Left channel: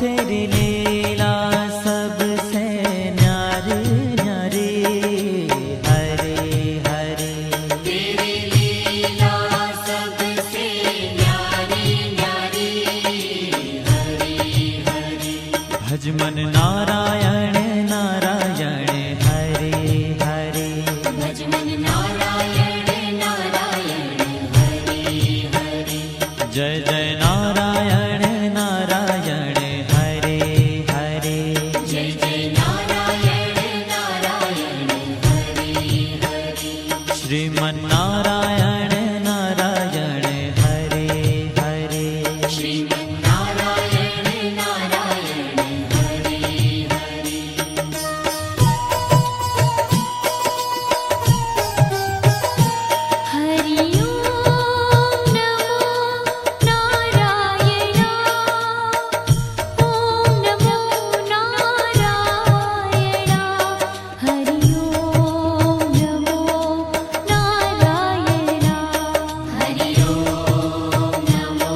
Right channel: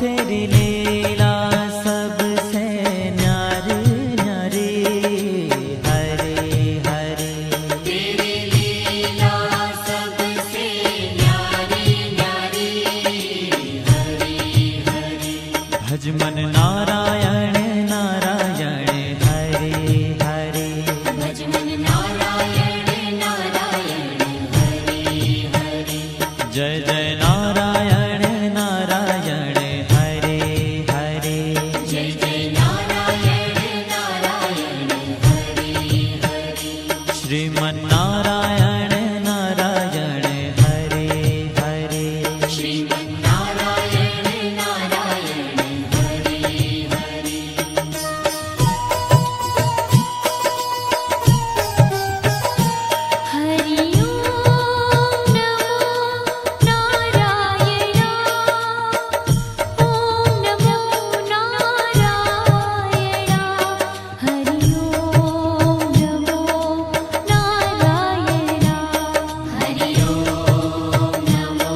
तेरी लीला सबसे न्यारी न्यारी, हरे हरे। तेरी लीला सबसे न्यारी न्यारी, हरे हरे। भज मन नारायण नारायण, हरे हरे। भज मन नारायण नारायण, हरे हरे। जय जय नारायण नारायण, हरे हरे। जय जय नारायण नारायण, हरे हरे। श्रीमन नारायण नारायण, हरे हरे। श्रीमन नारायण नारायण, हरे हरे। हरि ओम नमो नारायण, ओम नमो नारायण। हरि ओम नमो नारायण, हरि ओम नमो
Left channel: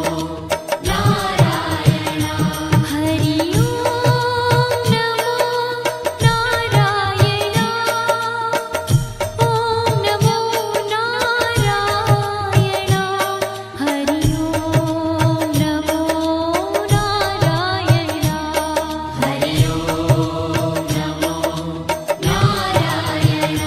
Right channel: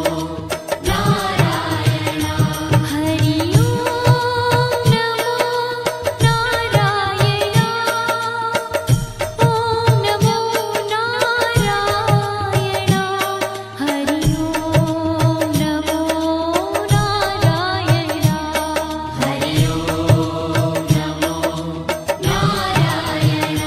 नारायण। हरि ओम नमो नारायण, ओम नमो नारायण। हरि ओम नमो नारायण, हरि ओम नमो नारायण।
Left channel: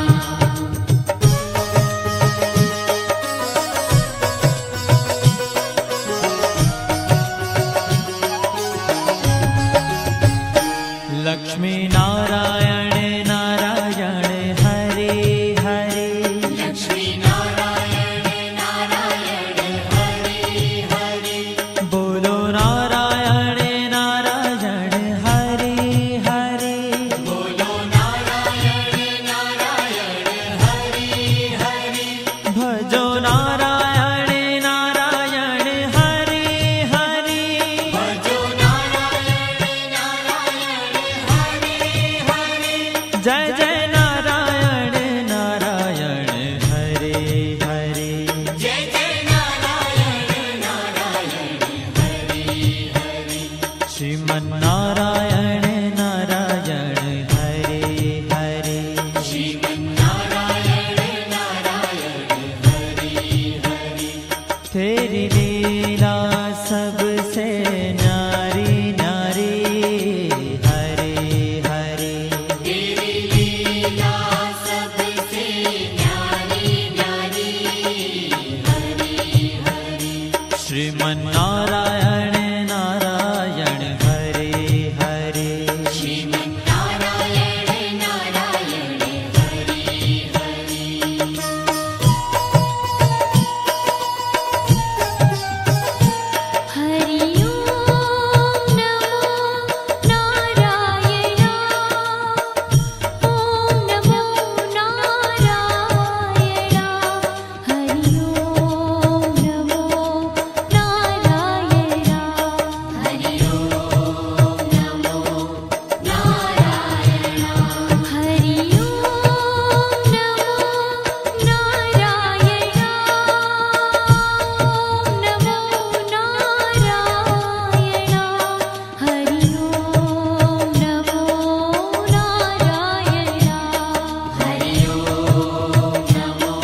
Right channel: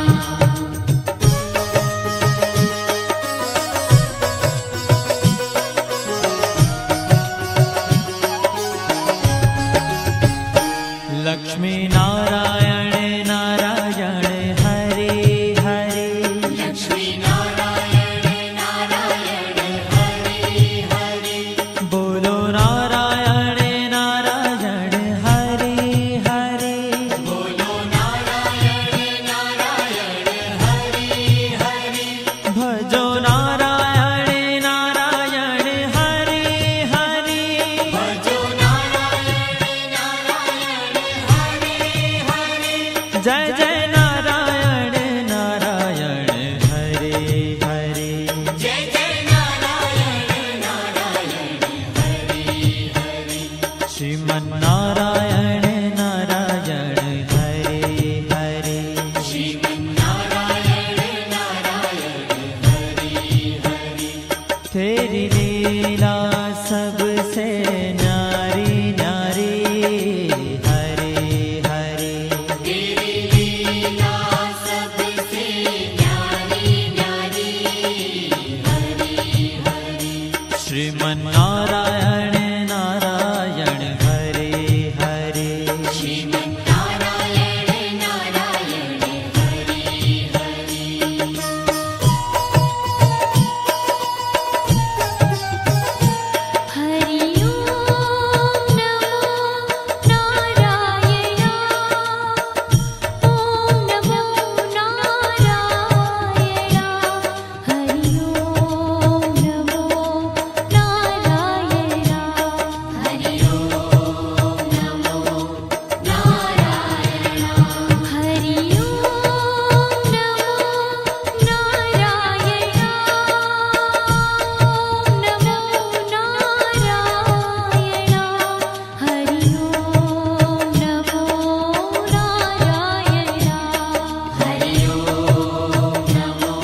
लक्ष्मी नारायण नारायण, हरे हरे। लक्ष्मी नारायण नारायण, हरे हरे। बोलो नारायण नारायण, हरे हरे। बोलो नारायण नारायण, हरे हरे। भजो नारायण नारायण, हरे हरे। भजो नारायण नारायण, हरे हरे। जय जय नारायण नारायण, हरे हरे। जय जय नारायण नारायण, हरे हरे। श्रीमन नारायण नारायण, हरे हरे। श्रीमन नारायण नारायण, हरे हरे। तेरी लीला सबसे न्यारी न्यारी, हरे हरे। तेरी लीला सबसे न्यारी न्यारी, हरे हरे। श्रीमन नारायण नारायण, हरे हरे। श्रीमन नारायण नारायण, हरे हरे। हरि ओम नमो नारायण, ओम नमो नारायण। हरि ओम नमो नारायण, हरि ओम नमो नारायण। हरि ओम नमो नारायण, ओम नमो नारायण। हरि ओम नमो नारायण, हरि ओम नमो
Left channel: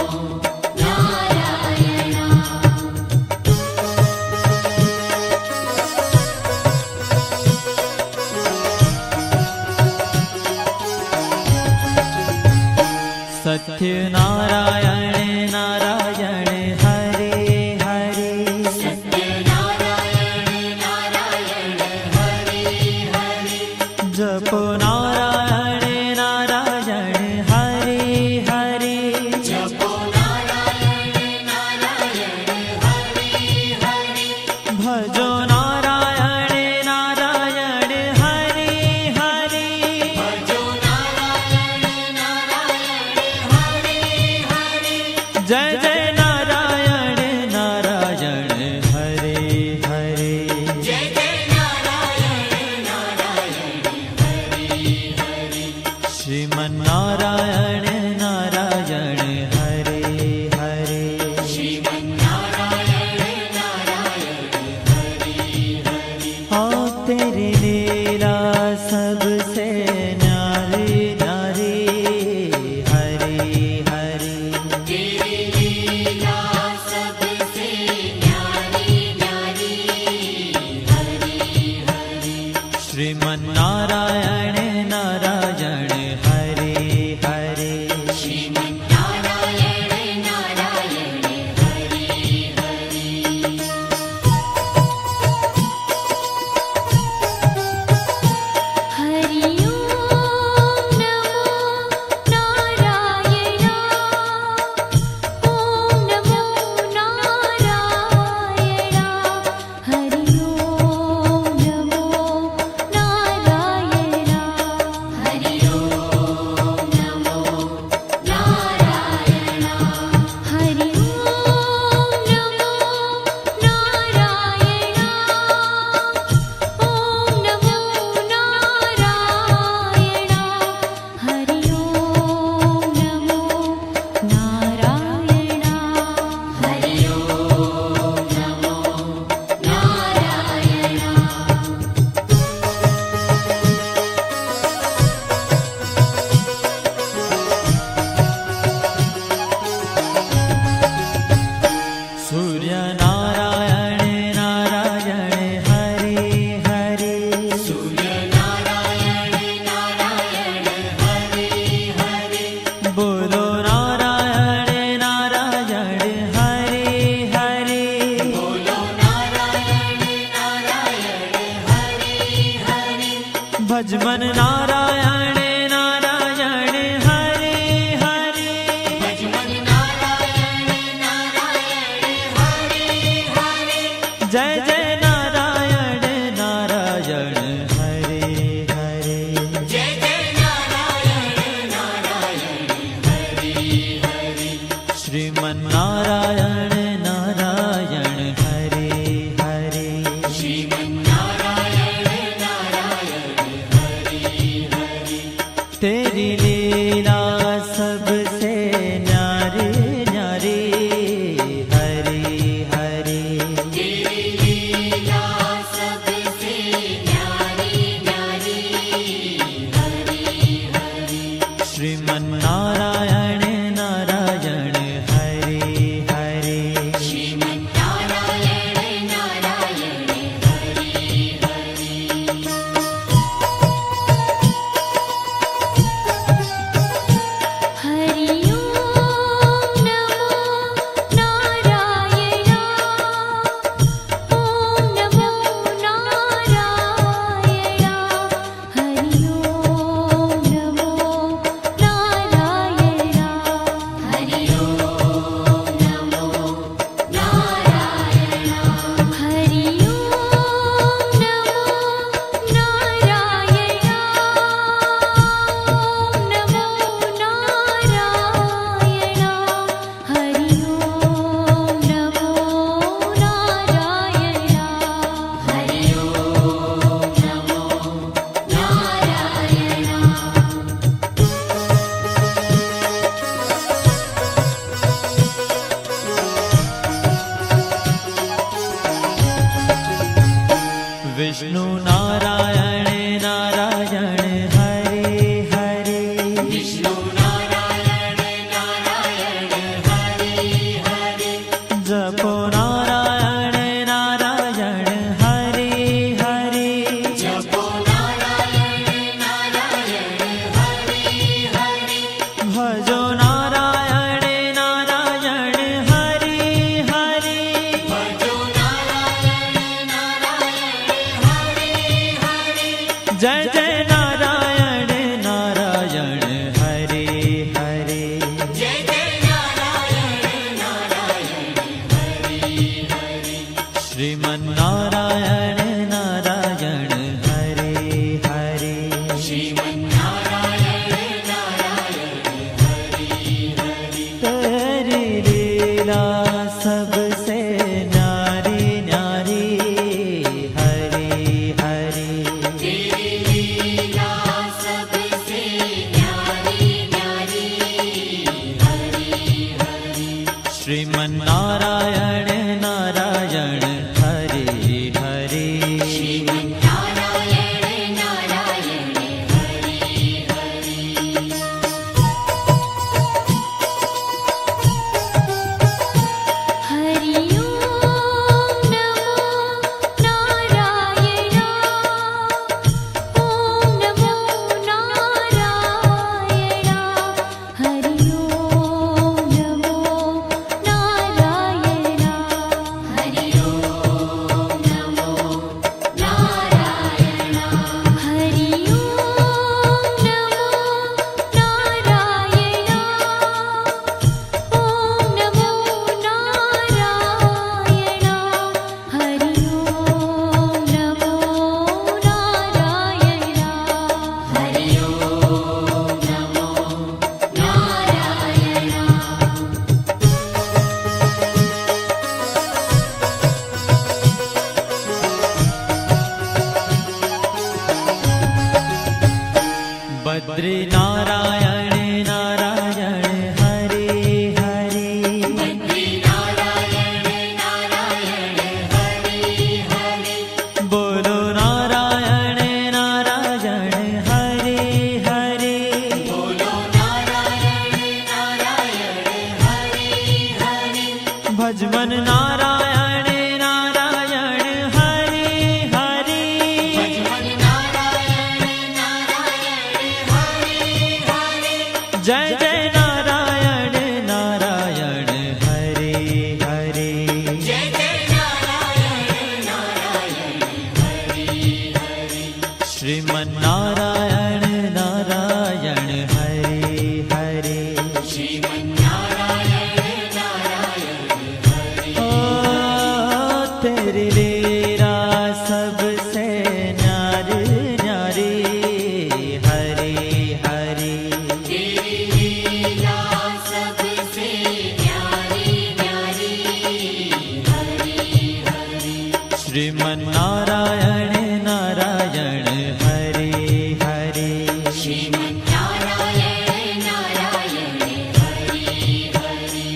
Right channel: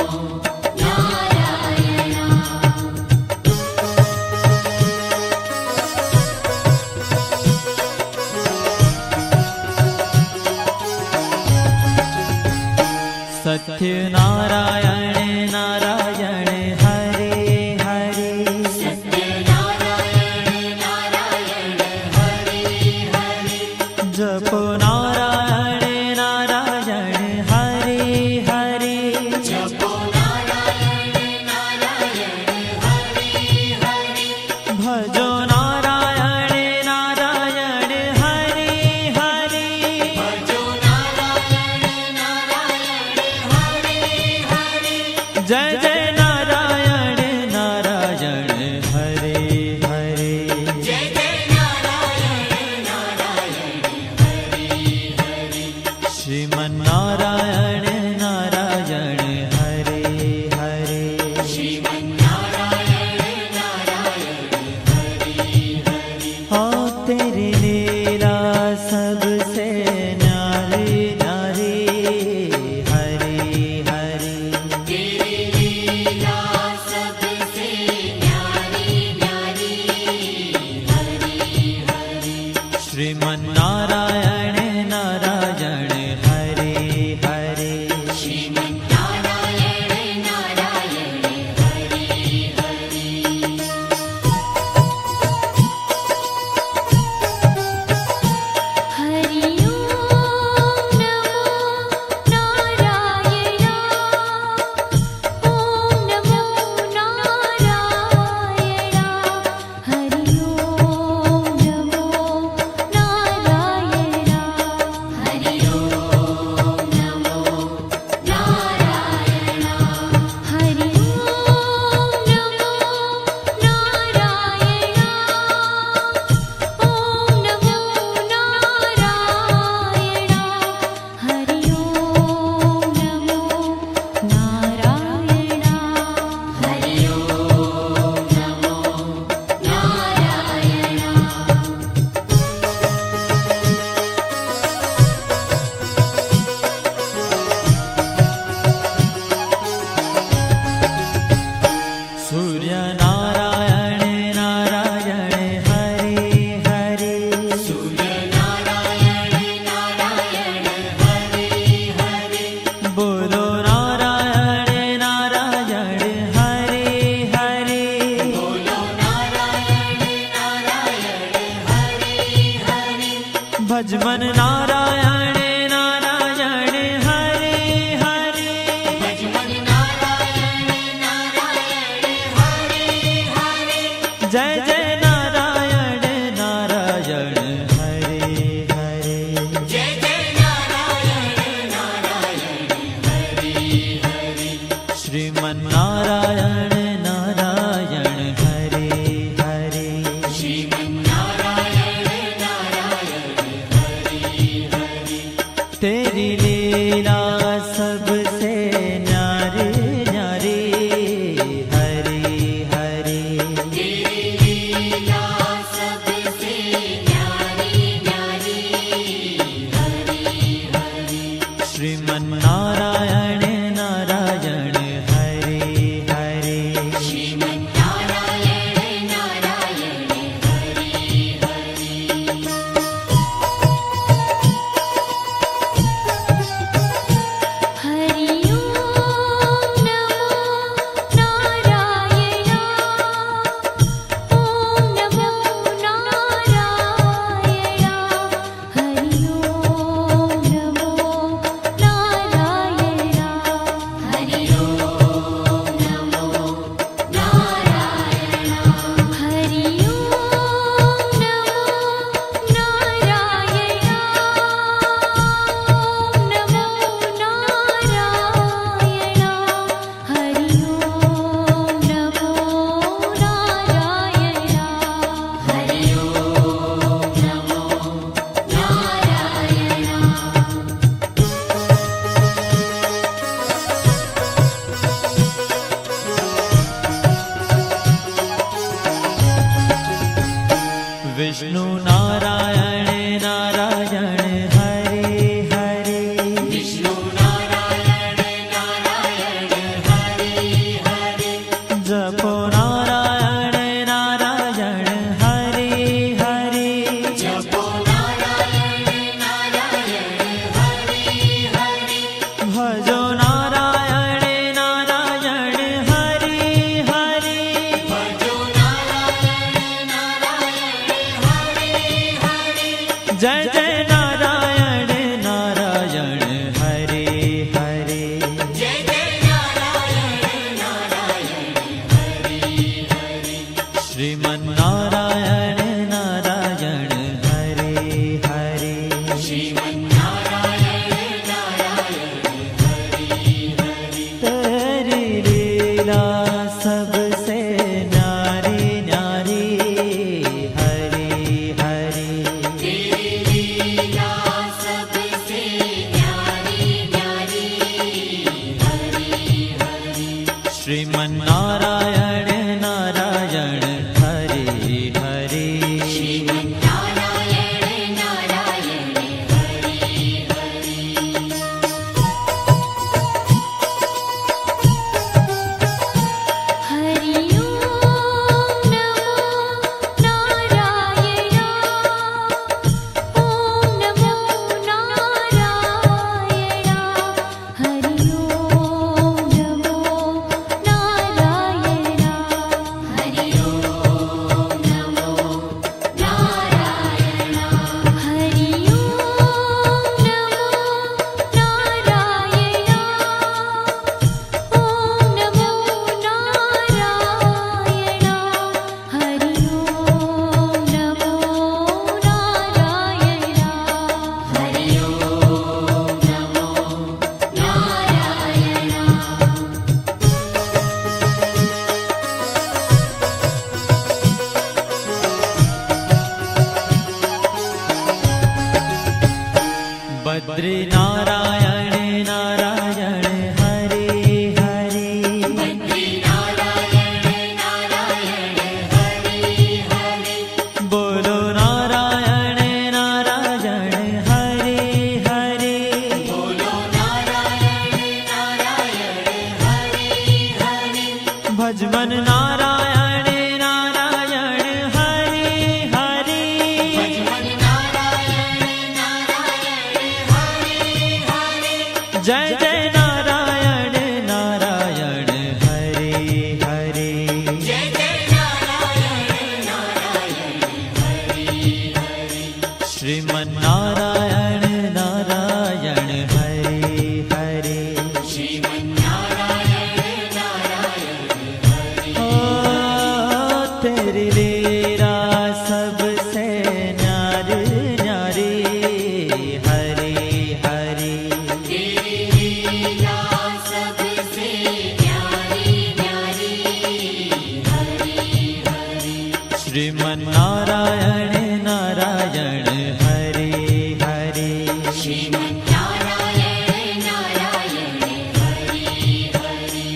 सत्य नारायण नारायण, हरे हरे। सत्य नारायण नारायण, हरे हरे। जपो नारायण नारायण, हरे हरे। जपो नारायण नारायण, हरे हरे। भजो नारायण नारायण, हरे हरे। भजो नारायण नारायण, हरे हरे। जय जय नारायण नारायण, हरे हरे। जय जय नारायण नारायण, हरे हरे। श्रीमन नारायण नारायण, हरे हरे। श्रीमन नारायण नारायण, हरे सबसे न्यारी न्यारी हरि हरि तेरी लीला सबसे न्यारी न्यारी हरि हरि श्रीमन्नारायण नारायण हरि हरि श्रीमन्नारायण नारायण हरि हरि हरि ओम नमो नारायणा ओम नमो नारायणा हरि ओम नमो नारायणा हरि ओम नमो नारायणा हरि ओम नमो नारायणा ओम नमो नारायणा हरि ओम नमो नारायणा हरि ओम नमो नारायणा सूर्य नारायण नारायण हरि हरि सूर्य नारायण नारायण हरि हरि बोलो नारायण नारायण हरि हरि बोलो नारायण नारायण हरि हरि भजमन नारायण नारायण हरि हरि भजमन नारायण नारायण हरि हरि जय जय नारायण नारायण हरि हरि जय जय नारायण नारायण हरि हरि श्रीमन्नारायण नारायण हरि हरि श्रीमन्नारायण नारायण हरि हरि तेरी लीला सबसे न्यारी न्यारी हरि हरि तेरी लीला सबसे न्यारी न्यारी हरि हरि श्रीमन्नारायण नारायण हरि हरि श्रीमन्नारायण नारायण हरि हरि हरि ओम नमो नारायणा ओम नमो नारायणा हरि ओम नमो नारायणा हरि ओम नमो नारायणा हरि ओम नमो नारायणा ओम नमो नारायणा हरि ओम नमो नारायणा हरि ओम नमो नारायणा विष्णु नारायण नारायण हरि हरि विष्णु नारायण नारायण हरि हरि जपो नारायण नारायण हरि हरि जपो नारायण नारायण हरि हरि भजो नारायण नारायण हरि हरि भजो नारायण नारायण हरि हरि जय जय नारायण नारायण हरि हरि जय जय नारायण नारायण हरि हरि श्रीमन्नारायण नारायण हरि हरि श्रीमन्नारायण नारायण हरि हरि तेरी लीला सबसे न्यारी न्यारी हरि हरि तेरी लीला सबसे न्यारी न्यारी हरि हरि श्रीमन्नारायण नारायण हरि हरि बद्री नारायण नारायण हरे हरे बद्री नारायण नारायण हरे हरे बोलो नारायण नारायण हरे हरे बोलो नारायण नारायण हरे हरे भजमन नारायण नारायण हरे हरे भजमन नारायण नारायण हरे हरे जय जय नारायण नारायण हरे हरे जय जय नारायण नारायण हरे हरे श्रीमन नारायण नारायण हरे हरे श्रीमन्नारायण नारायण हरे ओ तेरी लीला सबसे न्यारी न्यारी हरे हरे तेरी लीला सबसे न्यारी न्यारी हरे हरे श्रीमन नारायण नारायण हरे हरे श्रीमन्नारायण नारायण हरे हरे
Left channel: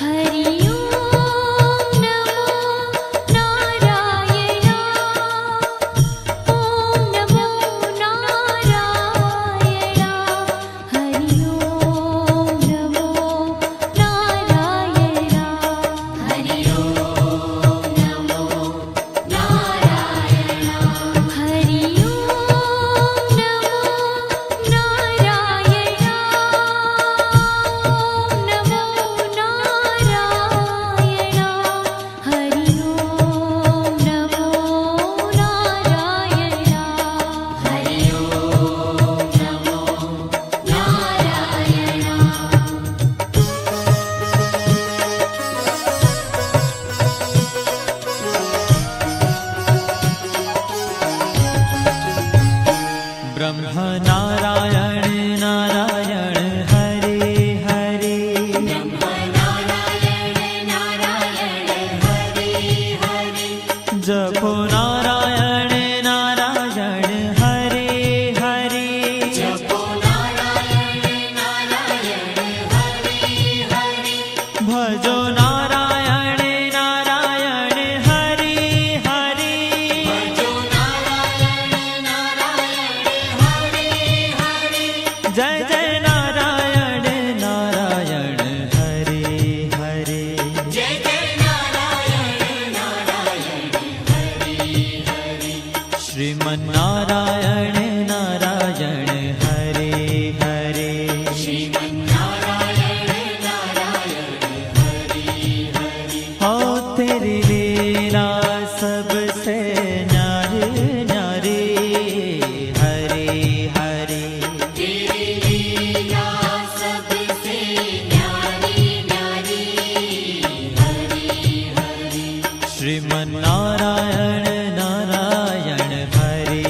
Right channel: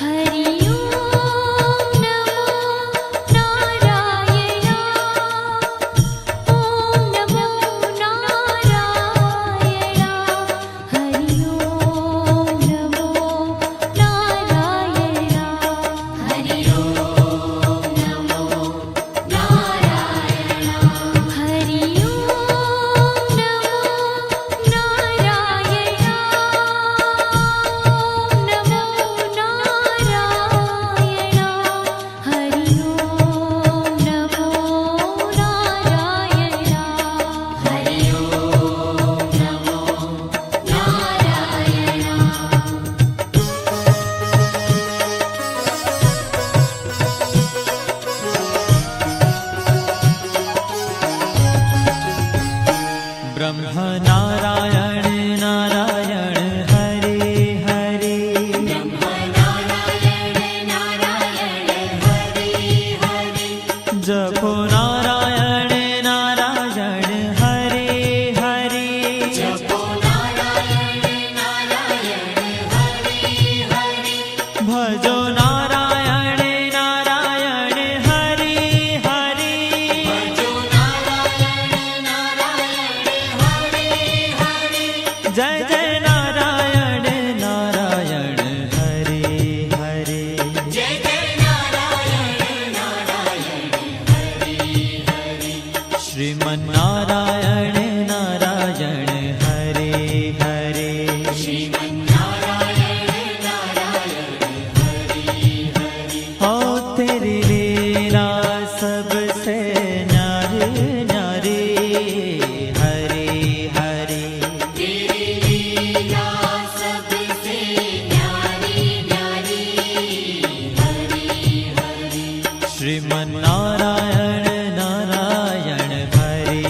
हरि ओम नमो नारायण ओम नमो नारायण हरि ओम नमो नारायण हरि ओम नमो नारायण हरि ओम नमो नारायण ओम नमो नारायण हरि ओम नमो नारायण हरि ओम नमो नारायण ब्रह्म नारायण नारायण हरे हरे ब्रह्म नारायण नारायण हरे हरे जपो नारायण नारायण हरे हरे जपो नारायण नारायण हरे हरे भजो नारायण नारायण हरे हरे भजो नारायण नारायण हरे हरे जय जय नारायण नारायण हरे हरे जय जय नारायण नारायण हरे हरे श्रीमन नारायण नारायण हरे हरे श्रीमन्नारायण नारायण हरे हरे हो तेरी लीला सबसे न्यारी न्यारी हरे हरे तेरी लीला सबसे न्यारी न्यारी हरे हरे श्रीमन नारायण नारायण हरे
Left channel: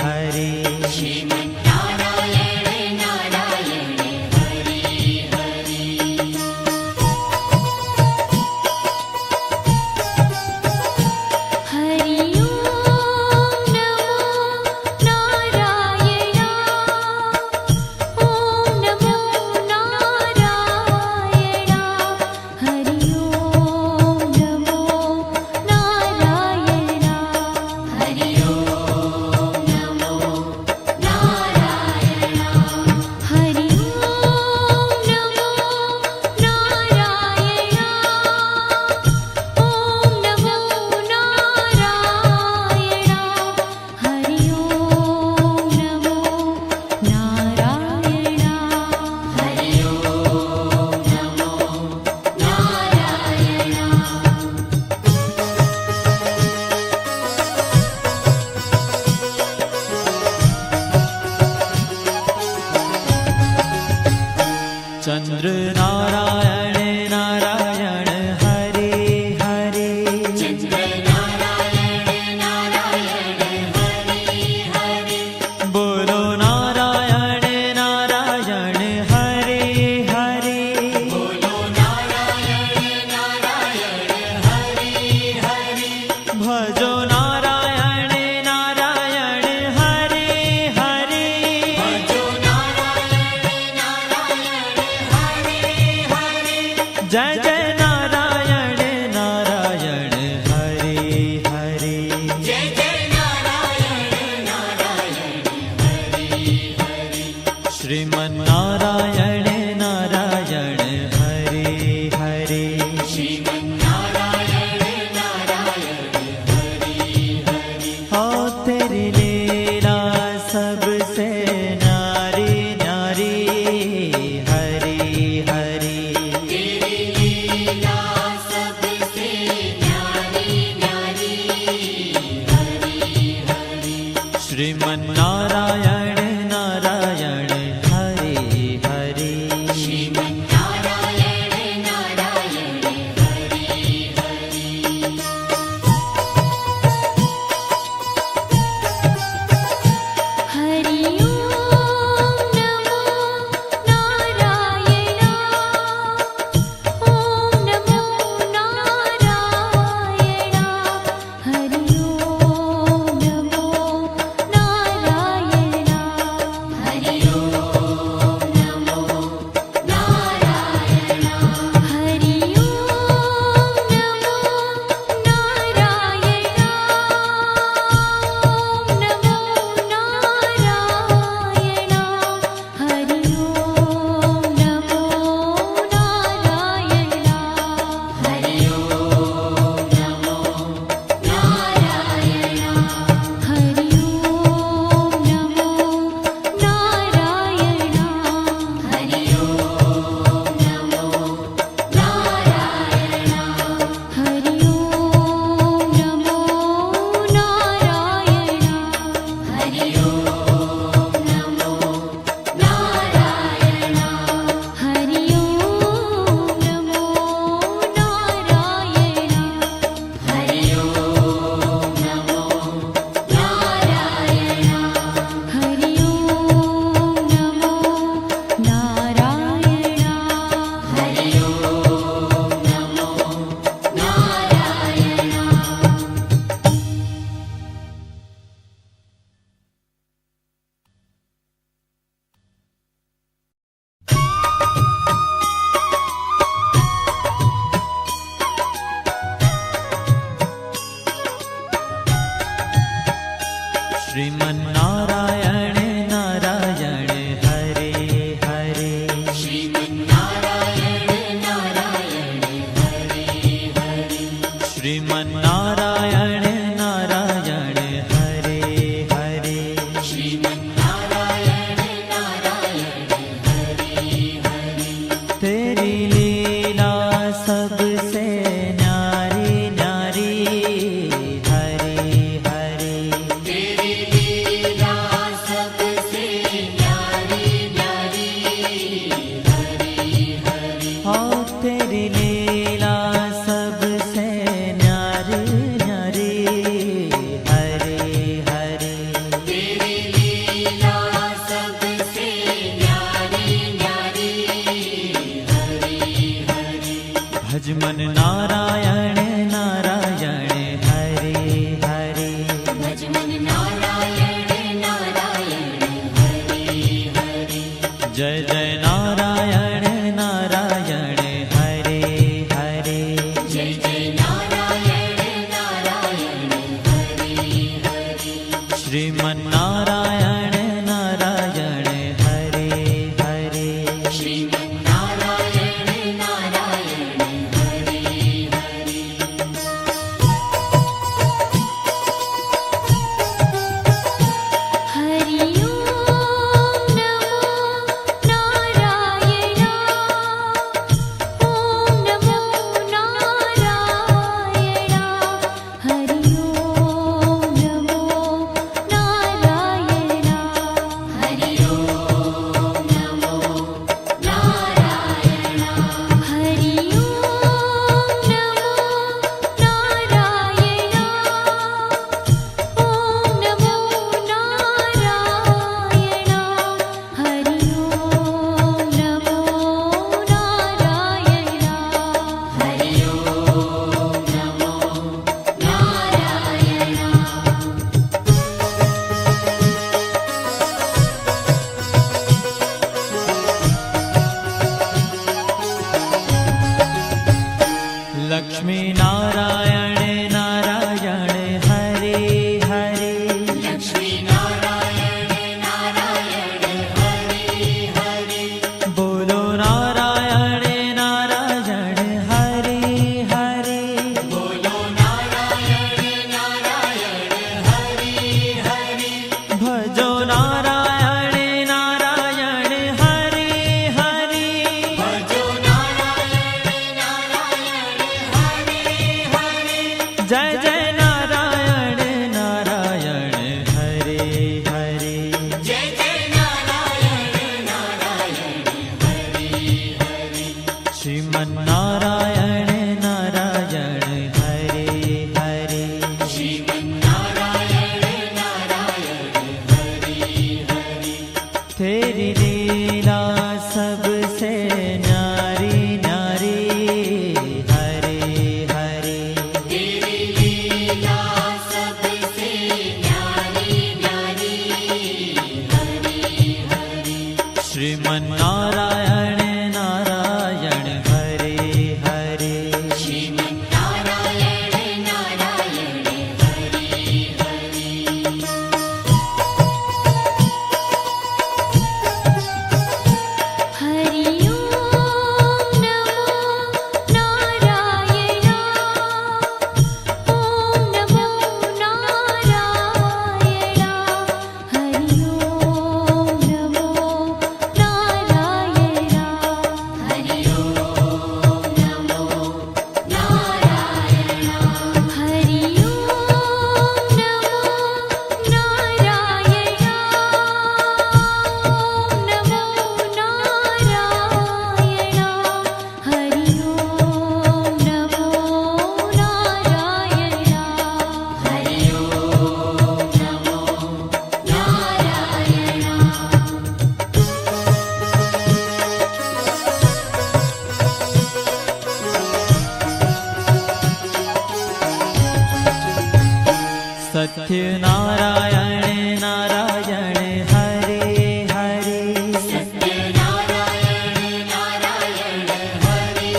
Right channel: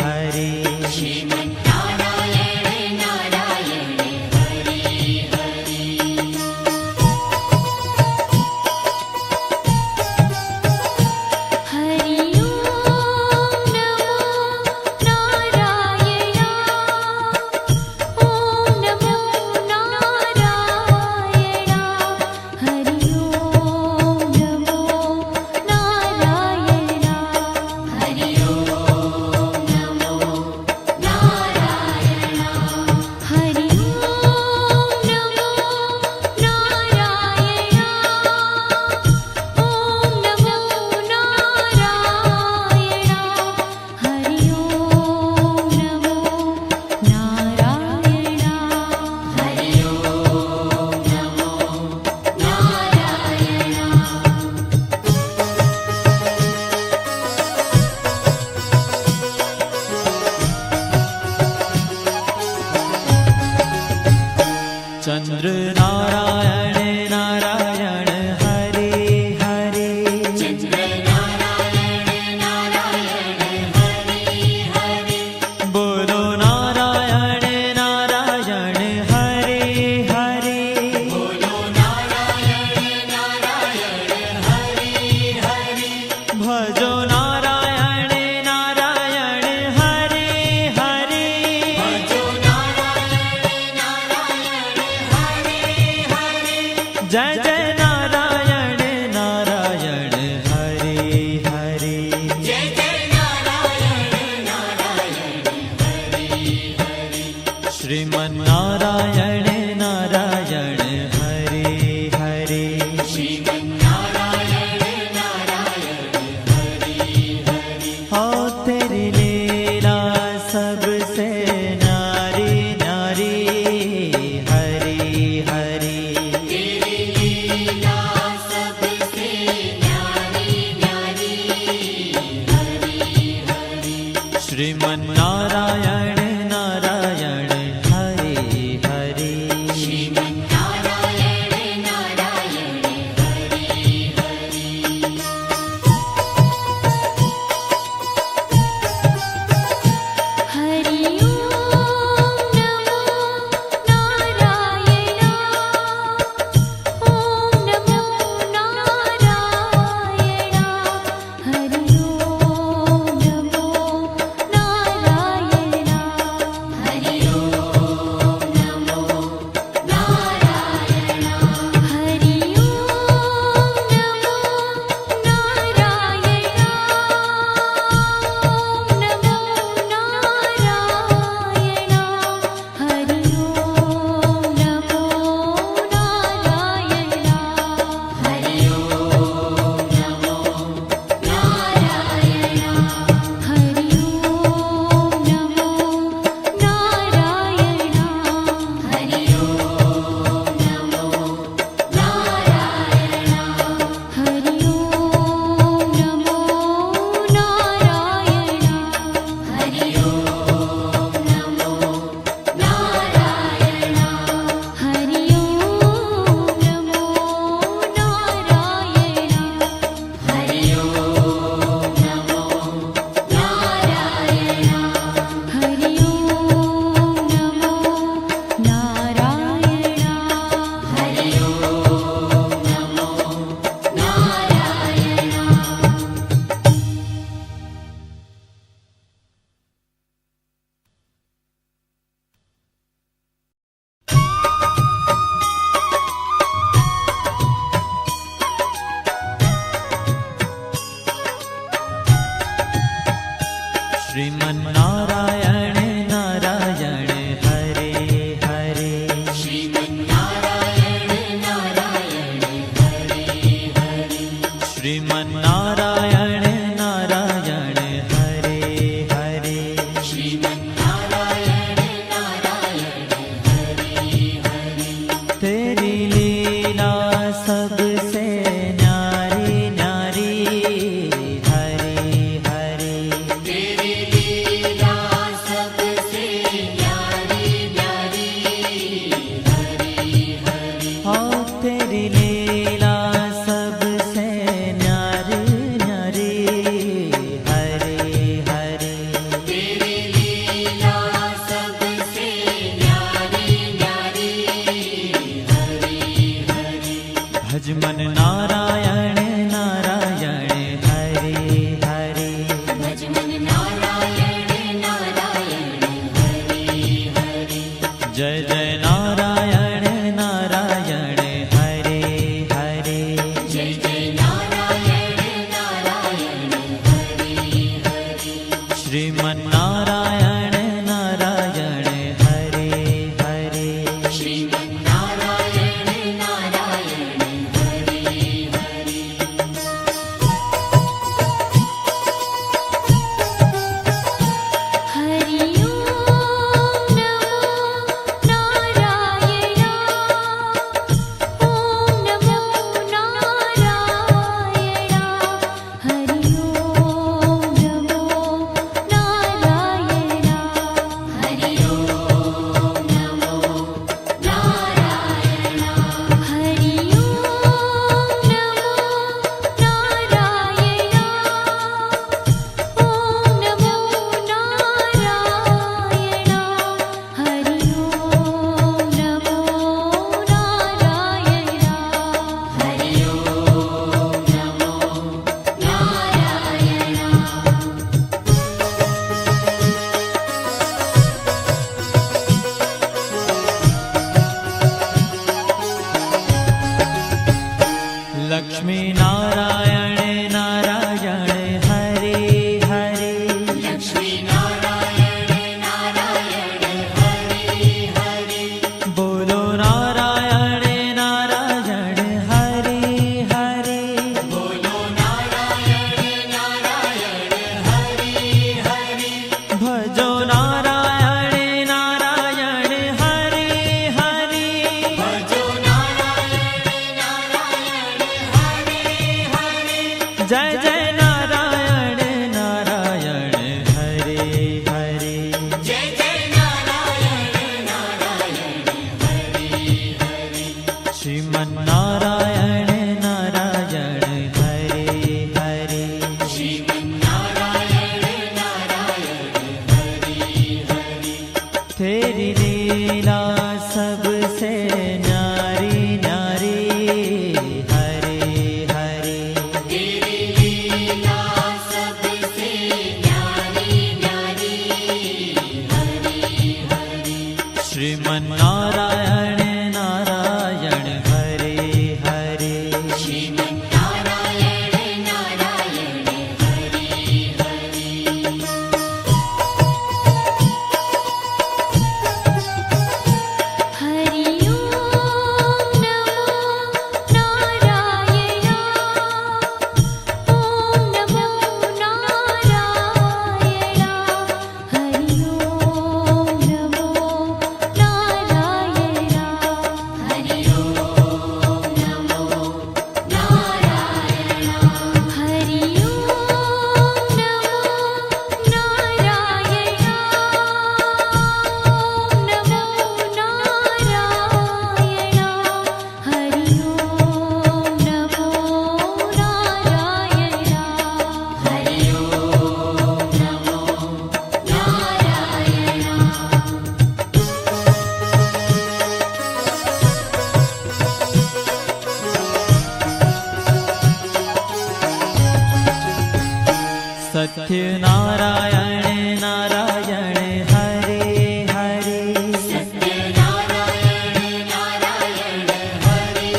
हरे श्रीमन्नारायण नारायण हरे हरे हरि ओम नमो नारायण ओम नमो नारायण हरि ओम नमो नारायण जय जय नारायण नारायण हरे हरे जय जय नारायण नारायण हरि हरि श्रीमन्नारायण नारायण हरे हरे श्रीमन्नारायण नारायण हरि हरि हो तेरी लीला सबसे न्यारी न्यारी हरी हरी तेरी लीला सबसे न्यारी न्यारी हरि हरि श्रीमन्नारायण नारायण हरे हरे श्रीमन्नारायण नारायण हरि हरि हरि ओम नमो नारायण ओम नमो नारायण हरि ओम नमो नारायण हरि ओम नमो नारायण हरि ओम नमो नारायण ओम नमो नारायण हरि ओम नमो नारायण हरि ओम नमो नारायण हरि ओम नमो नारायण हरि ओम नमो नारायण हरि ओम नमो नारायण हरि ओम नमो नारायण हरि ओम नमो नारायण हरि ओम नमो नारायण हरि ओम नमो नारायण हरि ओम नमो नारायण श्रीमन्नारायण नारायण हरे हरे श्रीमन्नारायण नारायण हरि हरि श्रीमन्नारायण नारायण हरे हरे श्रीमन्नारायण नारायण हरि हरि तेरी लीला सबसे न्यारी न्यारी हरे हरे तेरी लीला सबसे न्यारी न्यारी हरि हरि हो तेरी लीला सबसे न्यारी न्यारी हरे हरे तेरी लीला सबसे न्यारी न्यारी हरि हरि भजमन नारायण नारायण हरे हरे भजमन नारायण नारायण हरि हरि जय जय नारायण नारायण हरे हरे जय जय नारायण नारायण हरि हरि श्रीमन्नारायण नारायण हरे हरे श्रीमन्नारायण नारायण हरि हरि लक्ष्मी नारायण नारायण हरे हरे लक्ष्मी नारायण नारायण हरे हरे बोलो नारायण नारायण हरे हरे बोलो नारायण नारायण हरे हरे भजो नारायण नारायण हरे हरे भजो नारायण नारायण हरे हरे जय जय नारायण नारायण हरे हरे जय जय नारायण नारायण हरे हरे श्रीमन नारायण नारायण हरे हरे श्रीमन्नारायण नारायण हरे हरे तेरी लीला सबसे न्यारी न्यारी हरे हरे तेरी लीला सबसे न्यारी न्यारी हरे हरे श्रीमन नारायण नारायण हरे हरे श्रीमन्नारायण नारायण हरे हरे हरि ओम नमो नारायण ओम नमो नारायण हरि ओम नमो नारायण हरि ओम नमो नारायण हरि ओम नमो नारायण ओम नमो नारायण हरि ओम नमो नारायण हरि ओम नमो नारायण सत्य नारायण नारायण हरे हरे सत्यनारायण नारायण हरे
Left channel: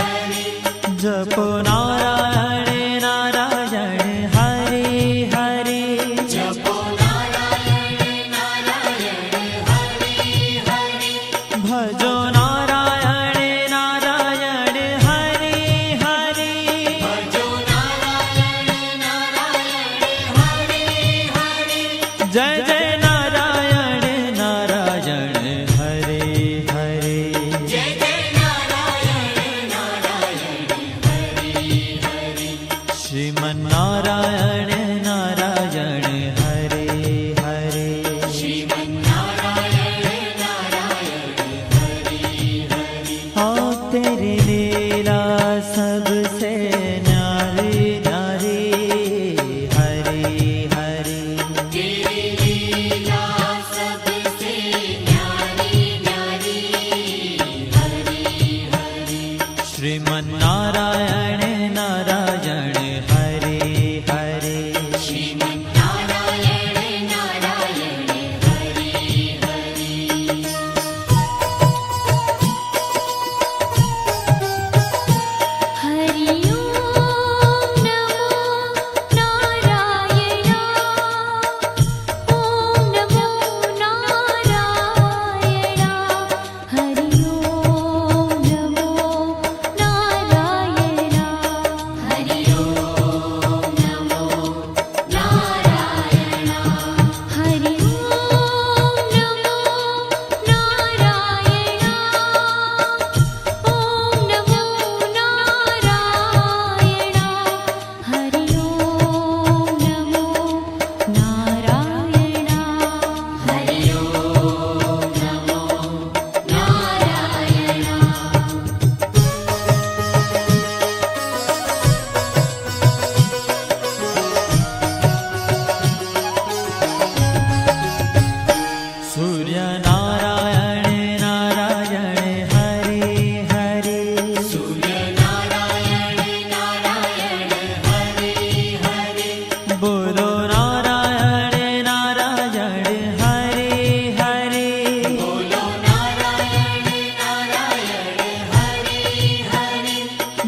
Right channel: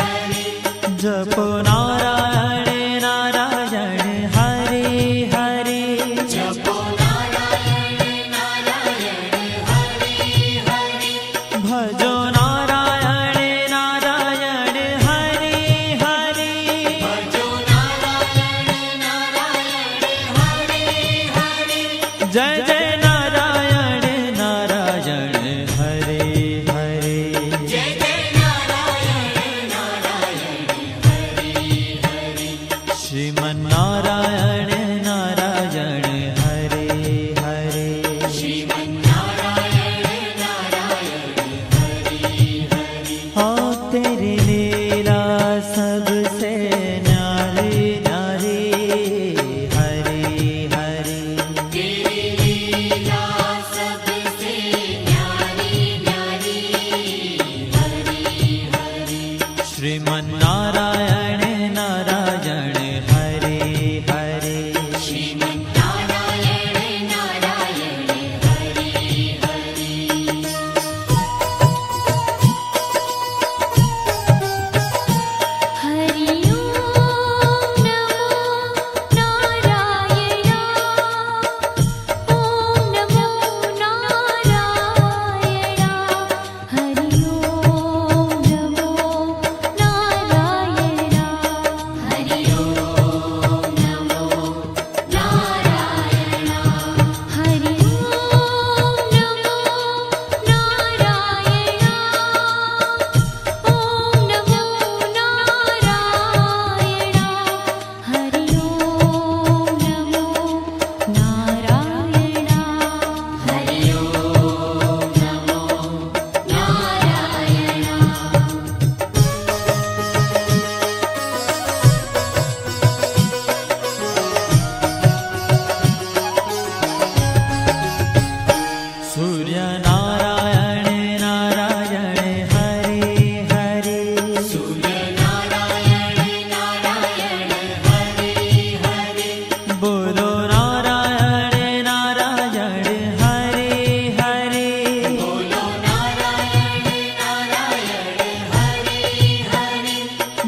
हरे जपो नारायण नारायण हरे हरे जपो नारायण नारायण हरे हरे भजो नारायण नारायण हरे हरे भजो नारायण नारायण हरे हरे जय जय नारायण नारायण हरे हरे जय जय नारायण नारायण हरे हरे श्रीमन नारायण नारायण हरे हरे श्रीमन्नारायण नारायण हरे हरे हाँ तेरी लीला सबसे न्यारी न्यारी हरे हरे तेरी लीला सबसे न्यारी न्यारी हरे हरे श्रीमन नारायण नारायण हरे हरे श्रीमन्नारायण नारायण हरे हरे हरि ओम नमो नारायण ओम नमो नारायण हरि ओम नमो नारायण हरि ओम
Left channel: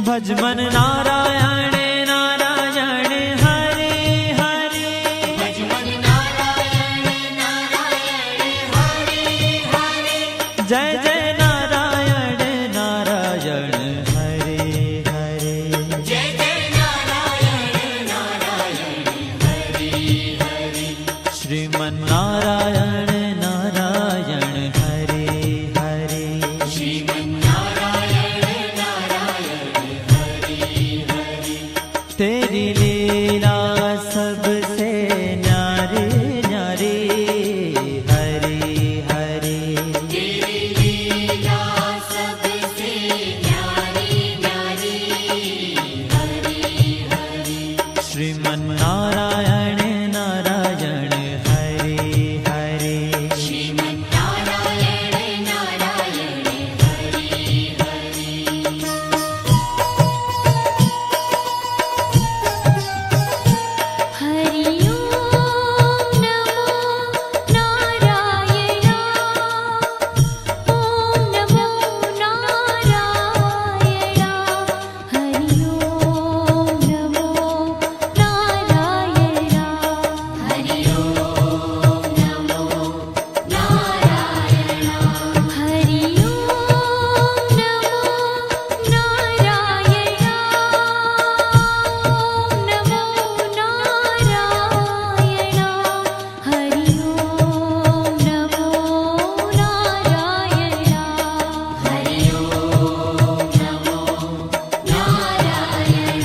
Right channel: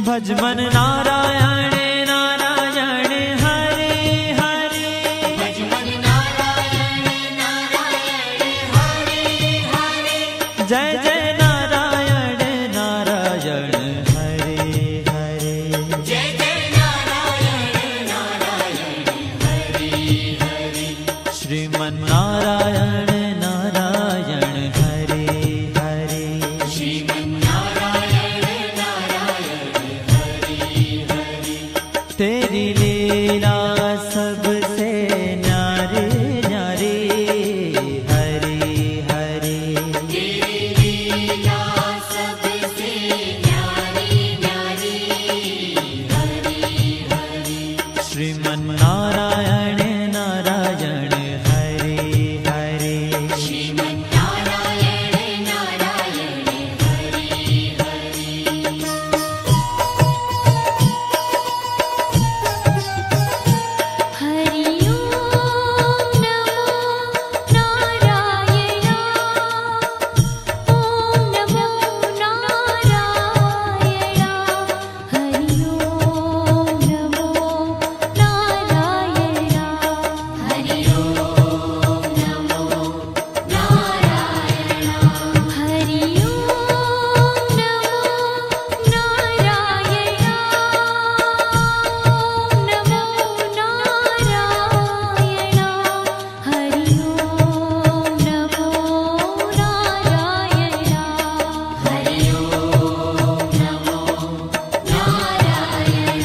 ભજ મન નારાયણ નારાયણ હરે હરે ભજમન નારાયણ નારાયણ હરે હરે જય જય નારાયણ નારાયણ હરે હરે જય જય નારાયણ નારાયણ હરે હરે શ્રીમન નારાયણ નારાયણ હરે હરે શ્રીમન નારાયણ નારાયણ હરે હરે तेरी लीला सबसे न्यारी न्यारी हरे हरे तेरी लीला सबसे न्यारी न्यारी हरे हरे श्रीमन नारायण नारायण हरे हरे श्रीमन नारायण नारायण हरे हरे हरि ओम नमो नारायण ओम नमो नारायण हरि ओम नमो नारायण हरि ओम नमो नारायण हरि ओम नमो नारायण ओम नमो नारायण हरि ओम नमो नारायण हरि ओम नमो नारायण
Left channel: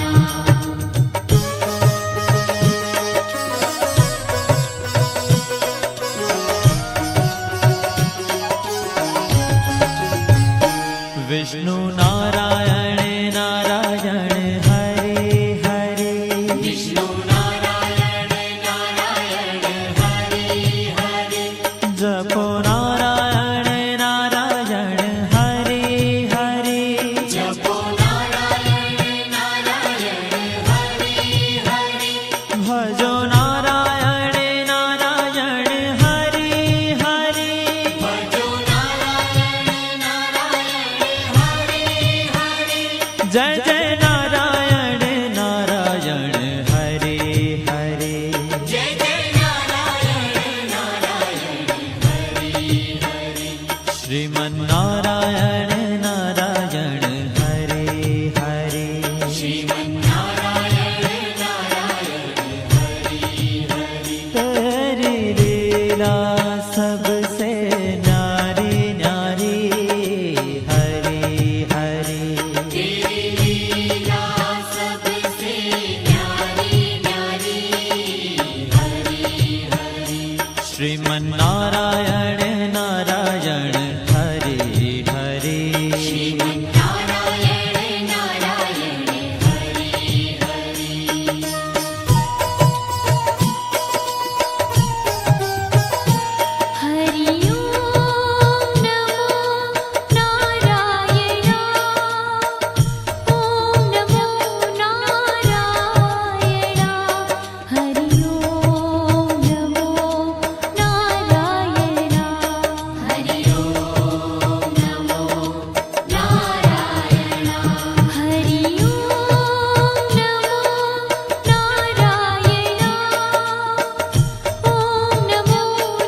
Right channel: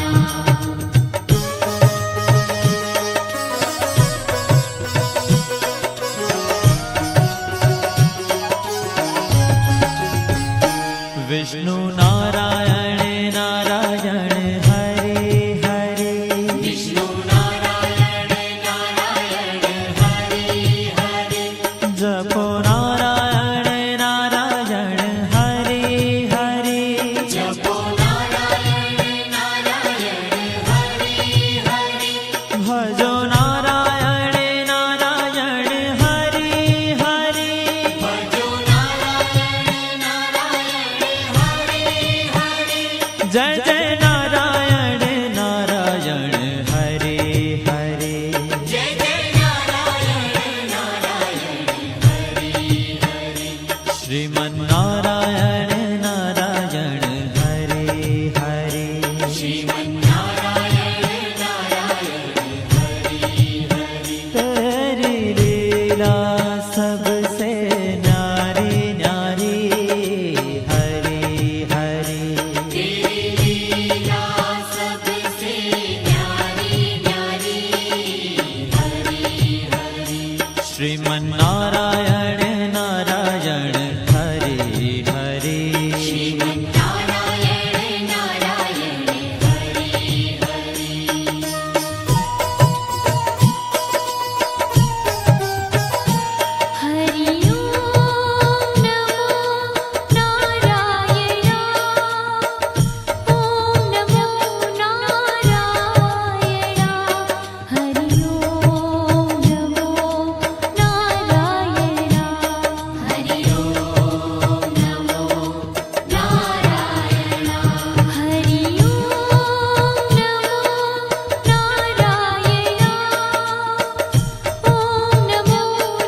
विष्णु नारायण नारायण हरे हरे विष्णु नारायण नारायण हरे हरे जपो नारायण नारायण हरे हरे जपो नारायण नारायण हरे हरे भजो नारायण नारायण हरे हरे भजो नारायण नारायण हरे हरे जय जय नारायण नारायण हरे हरे जय जय नारायण नारायण हरे हरे श्रीमन नारायण नारायण हरे हरे श्रीमन नारायण नारायण हरे हरे तेरी लीला सबसे न्यारी न्यारी हरे हरे तेरी लीला सबसे न्यारी न्यारी हरे हरे श्रीमन नारायण नारायण हरे हरे श्रीमन नारायण नारायण हरे हरे हरि ओम नमो नारायण ओम नमो नारायण हरि ओम नमो नारायण हरि ओम नमो नारायण हरि ओम नमो नारायण ओम नमो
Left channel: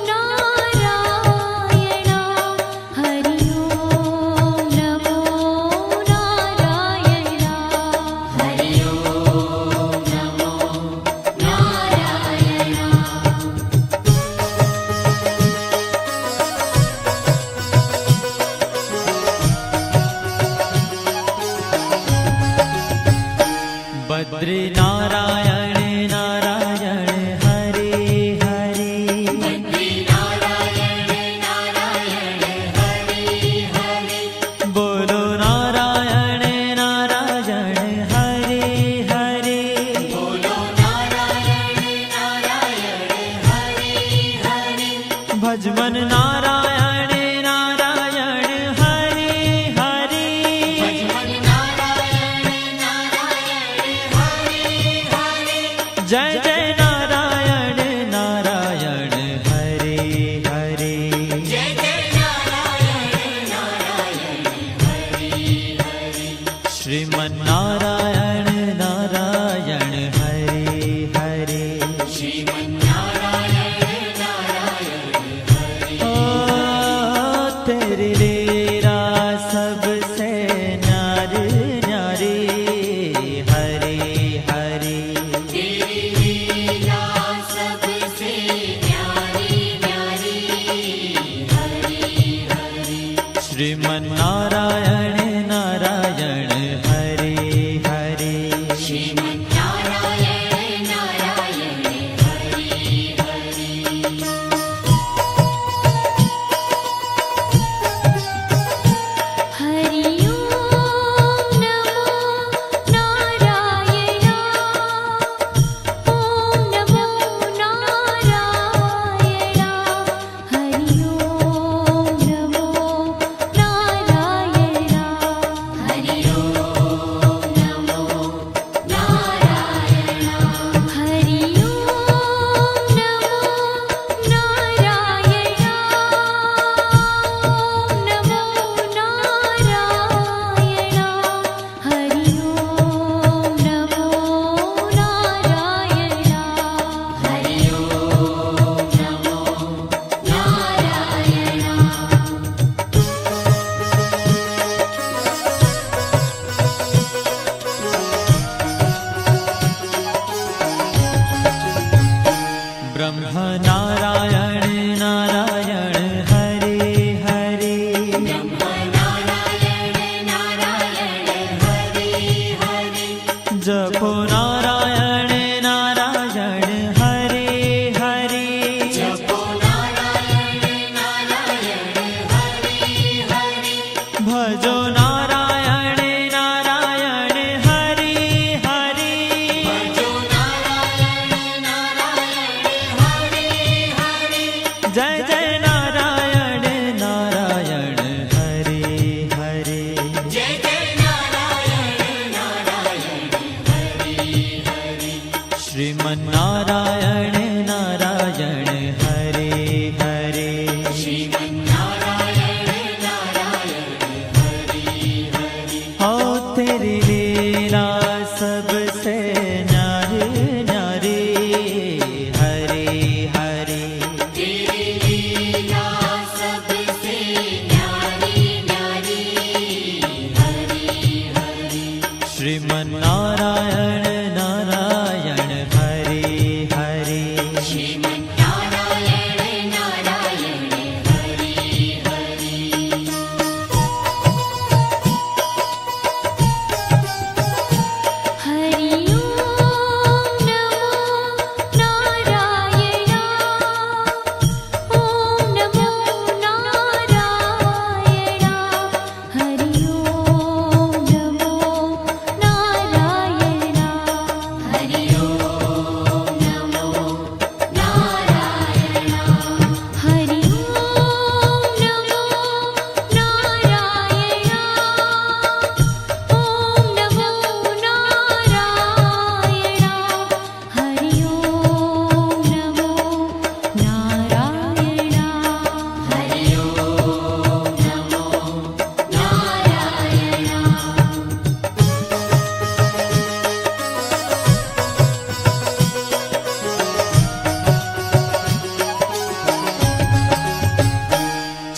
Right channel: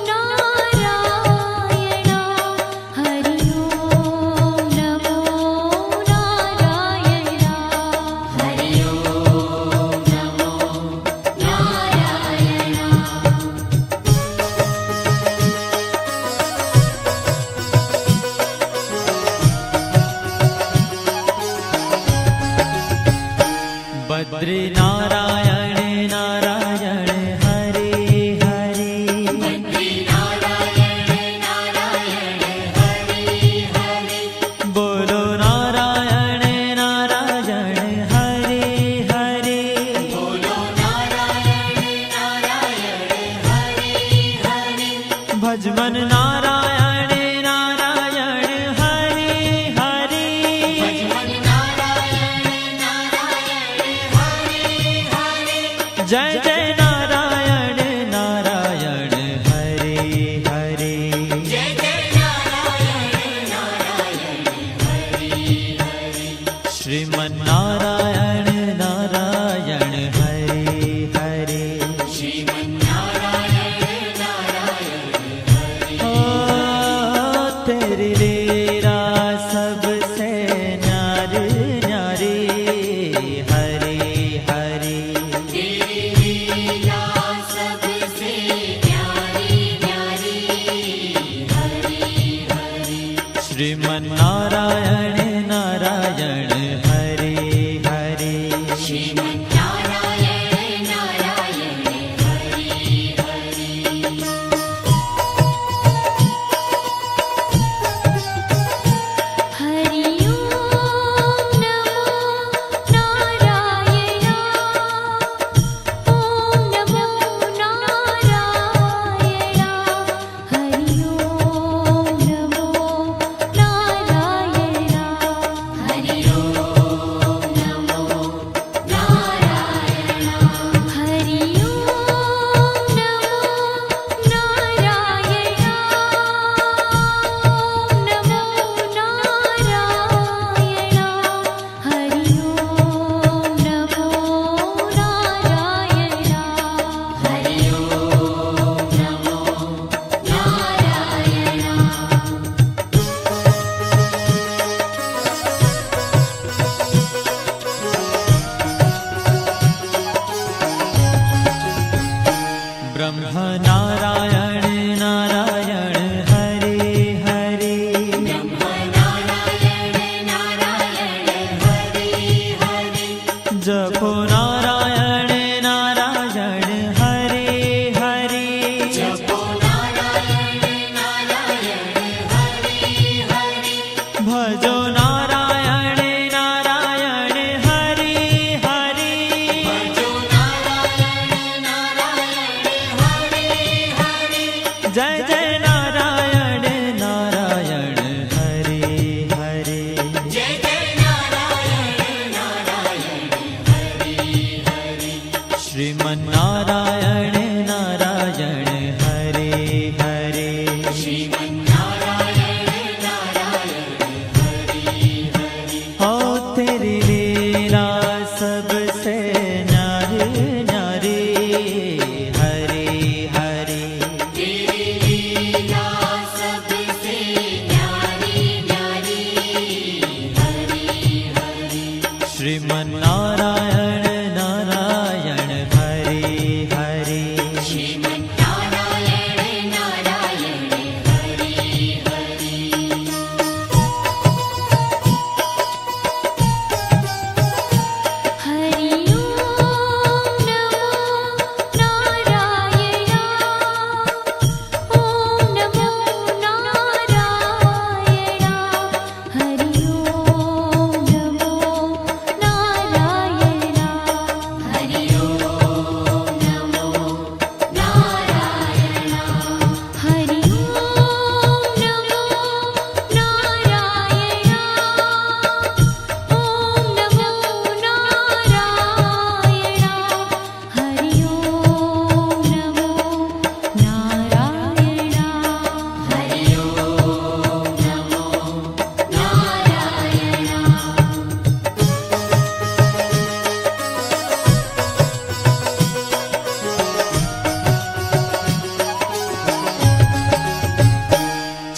नारायण हरि ओम नमो नारायण हरि ओम नमो नारायण बद्री नारायण नारायण हरे हरे बद्री नारायण नारायण हरे हरे बोलो नारायण नारायण हरे हरे बोलो नारायण नारायण हरे हरे भज मन नारायण नारायण हरे हरे भजमन नारायण नारायण हरे हरे जय जय नारायण नारायण हरे हरे जय जय नारायण नारायण हरे हरे श्रीमन नारायण नारायण हरे हरे श्रीमन्नारायण नारायण हरे ओ तेरी लीला सबसे न्यारी न्यारी हरे हरे तेरी लीला सबसे न्यारी न्यारी हरे हरे श्रीमन्नारायण नारायण हरे हरे श्रीमन्नारायण नारायण हरे हरे हरि ओम नमो नारायण ओम नमो नारायण हरि ओम नमो नारायण हरि ओम नमो नारायण हरि ओम नमो नारायण ओम नमो नारायण हरि ओम नमो नारायण हरि ओम नमो नारायण ब्रह्म नारायण नारायण हरे हरे नारायण नारायण हरे हरे जपो नारायण नारायण हरे हरे जपो नारायण नारायण हरे हरे भजो नारायण नारायण हरे हरे भजो नारायण नारायण हरे हरे जय जय नारायण नारायण हरे हरे जय जय नारायण नारायण हरे हरे श्रीमन्नारायण नारायण हरे हरे श्रीमन्नारायण नारायण हरे हरे हो तेरी लीला सबसे न्यारी न्यारी हरे हरे तेरी लीला सबसे न्यारी न्यारी हरे हरे श्रीमन्नारायण नारायण हरे हरे श्रीमन्नारायण नारायण हरे हरे हरि ओम नमो नारायण ओम नमो नारायण हरि ओम नमो नारायण हरि ओम नमो नारायण हरि ओम नमो नारायण ओम नमो नारायण हरि ओम नमो नारायण हरि ओम नमो नारायण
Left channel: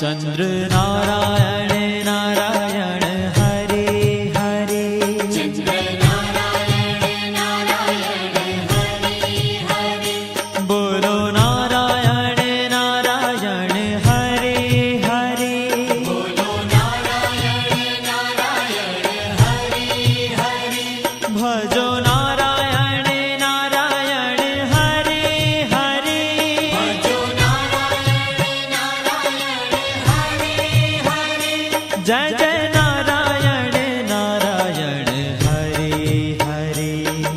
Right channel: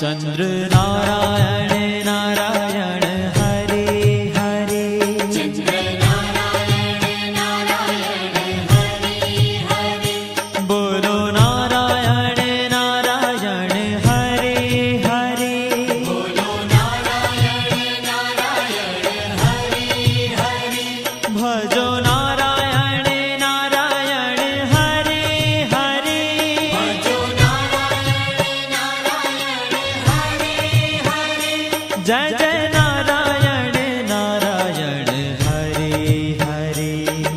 चंद्र नारायण नारायण हरे हरे चंद्र नारायण नारायण हरे हरे बोलो नारायण नारायण हरे हरे बोलो नारायण नारायण हरे हरे भजो नारायण नारायण हरे हरे भजो नारायण नारायण हरे हरे जय जय नारायण नारायण हरे हरे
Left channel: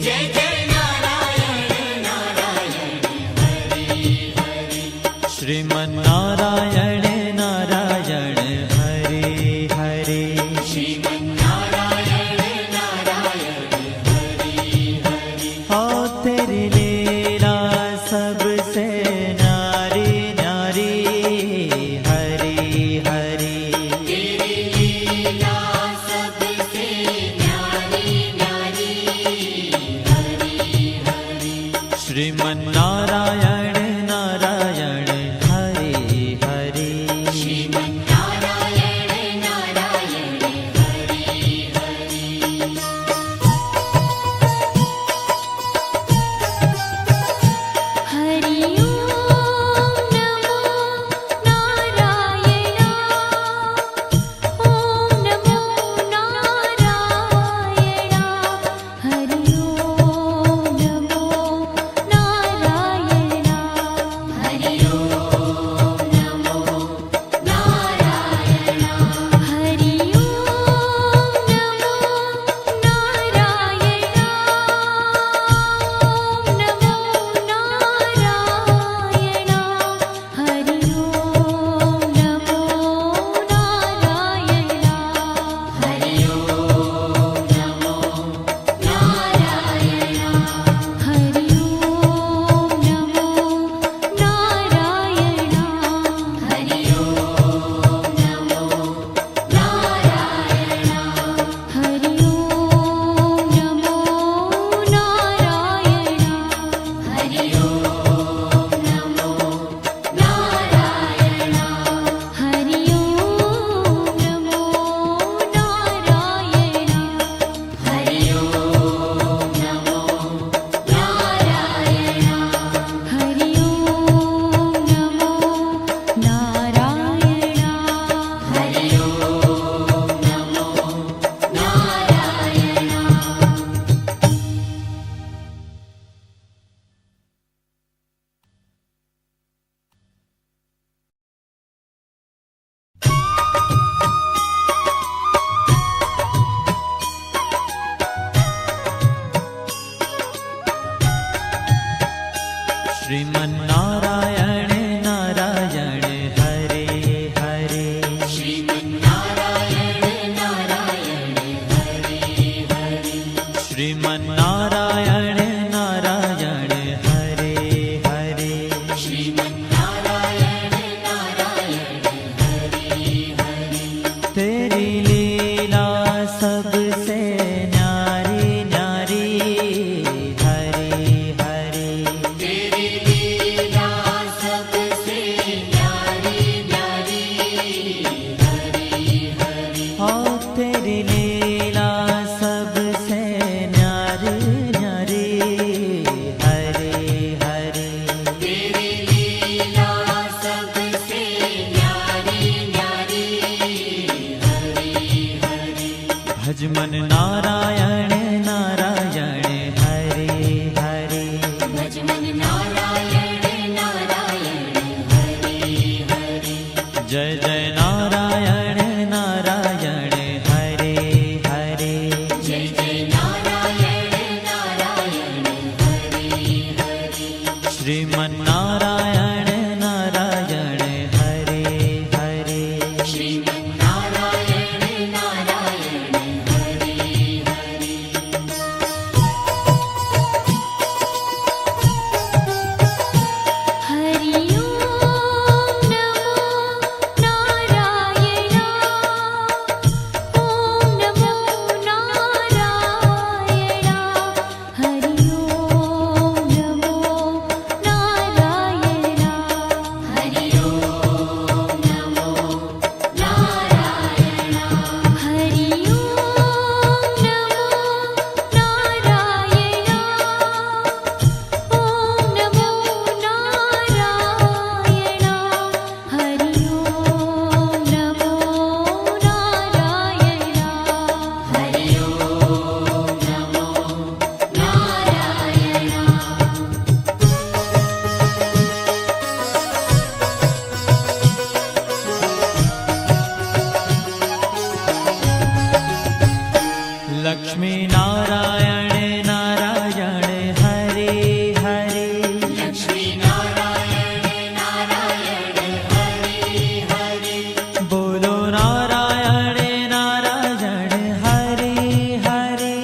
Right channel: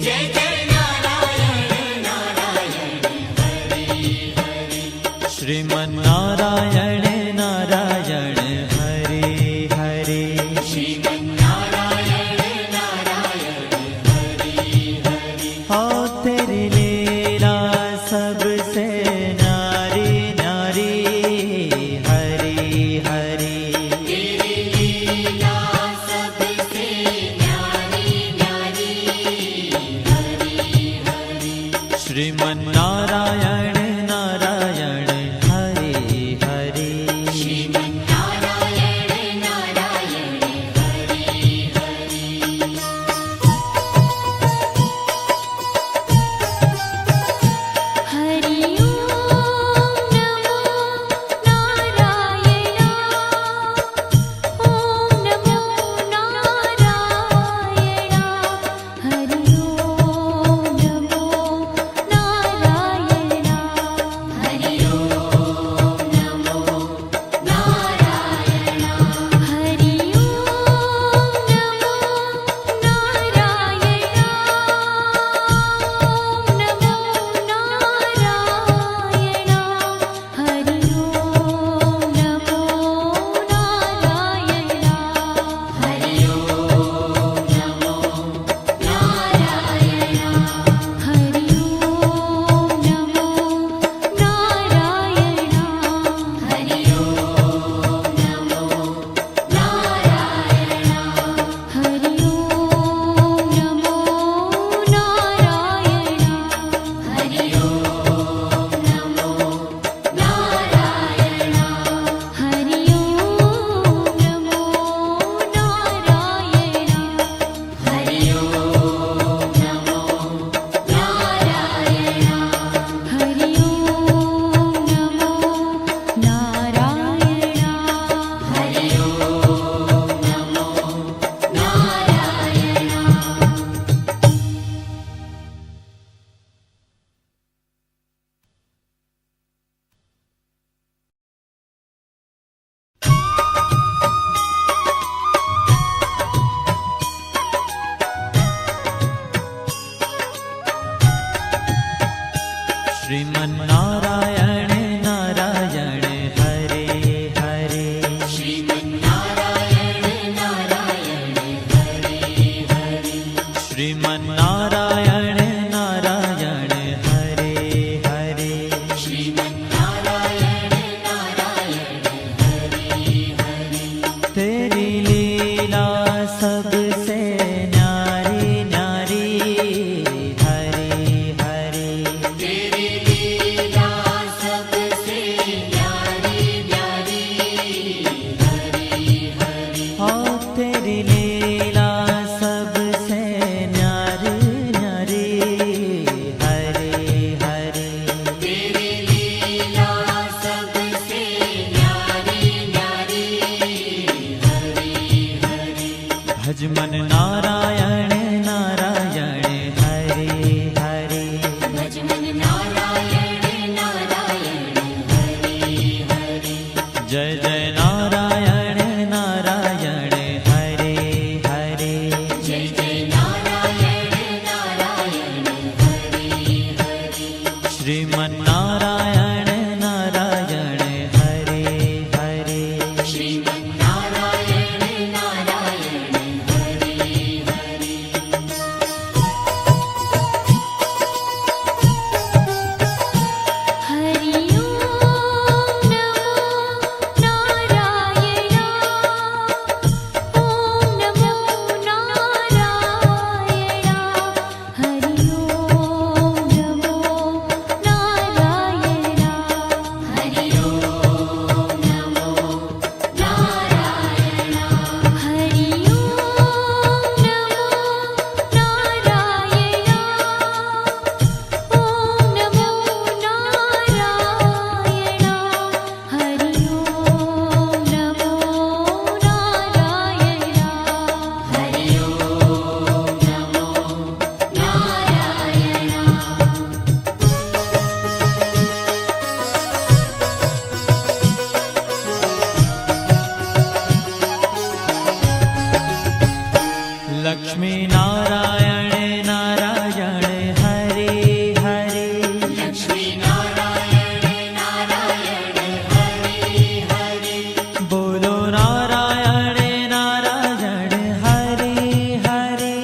जय जय नारायण नारायण हरे हरे श्रीमन्नारायण नारायण हरे हरे श्रीमन्नारायण नारायण हरे શ્રીમન્નારાયણ નારાયણ હરે હરે શ્રીમન્નારાયણ નારાયણ હરે હરે હરિ ઓમ નમો નારાયણ ઓમ નમો નારાયણ હરિ ઓમ નમો નારાયણ હરિ ઓમ નમો નારાયણ હરિ ઓમ નમો નારાયણ ઓમ નમો નારાયણ હરિ ઓમ નમો નારાયણ હરિ ઓમ નમો નારાયણ હરિ ઓમ નમો નારાયણ હરિ ઓમ નમો નારાયણ હરિ ઓમ નમો નારાયણ હરિ ઓમ નમો નારાયણ હરિ ઓમ નમો નારાયણ હરિ ઓમ નમો નારાયણ હરિ ઓમ નમો નારાયણ હરિ ઓમ નમો નારાયણ શ્રીમન્નારાયણ નારાયણ હરે હરે શ્રીમન્નારાયણ નારાયણ હરિ હરિ શ્રીમન્નારાયણ નારાયણ હરે હરે શ્રીમન્નારાયણ નારાયણ હરિ હરિ तेरी लीला सबसे न्यारी न्यारी हरे हरे तेरी लीला सबसे न्यारी न्यारी हरि हरि हाँ तेरी लीला सबसे न्यारी न्यारी हरे हरे तेरी लीला सबसे न्यारी न्यारी हरि हरि भजमन नारायण नारायण हरे हरे भजमन नारायण नारायण हरि हरि जय जय नारायण नारायण हरे हरे जय जय नारायण नारायण हरि हरि श्रीमन्नारायण नारायण हरे हरे श्रीमन्नारायण नारायण हरि हरि હરિ ઓમ નમો નારાયણ ઓમ નમો નારાયણ હરિ ઓમ નમો નારાયણ હરિ ઓમ નમો નારાયણ હરિ ઓમ નમો નારાયણ ઓમ નમો નારાયણ હરિ ઓમ નમો નારાયણ હરિ ઓમ નમો નારાયણ लक्ष्मी नारायण नारायण हरे हरे લક્ષ્મી નારાયણ નારાયણ હરિ હરિ बोलो नारायण नारायण हरे हरे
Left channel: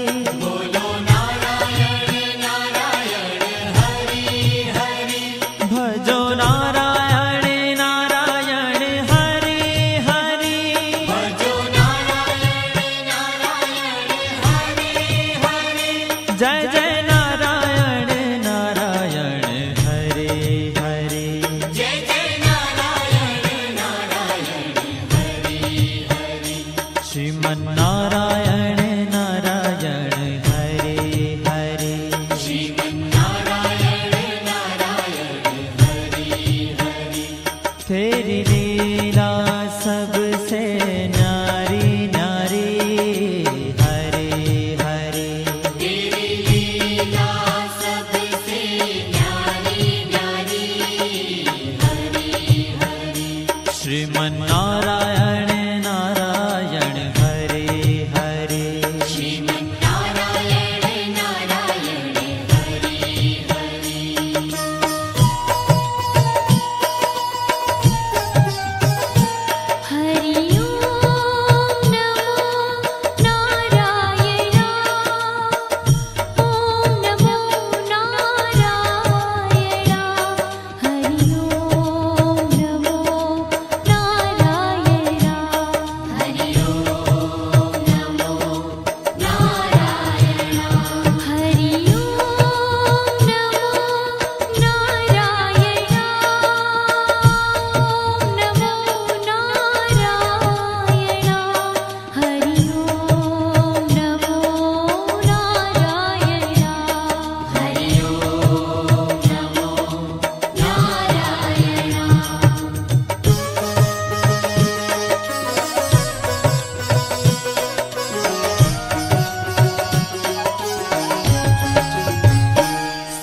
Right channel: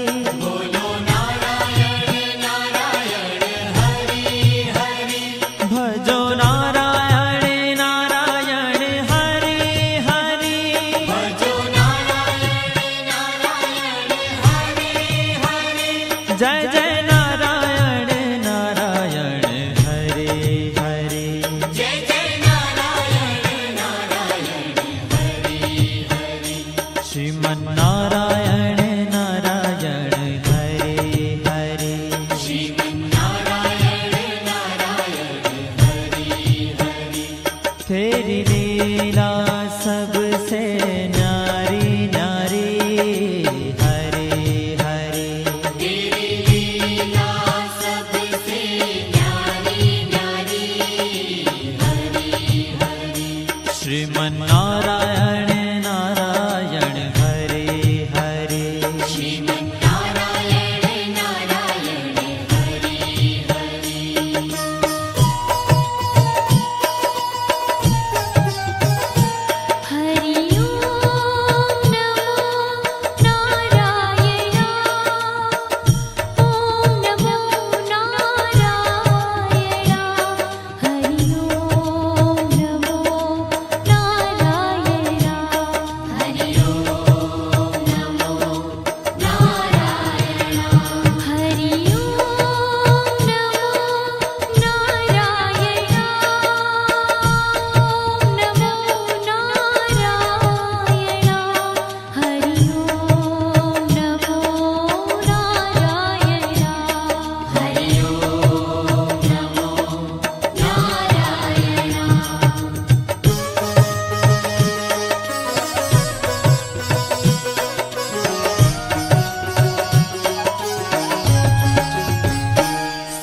બોલો નારાયણ નારાયણ હરિ હરિ भजो नारायण नारायण हरे हरे ભજો નારાયણ નારાયણ હરિ હરિ जय जय नारायण नारायण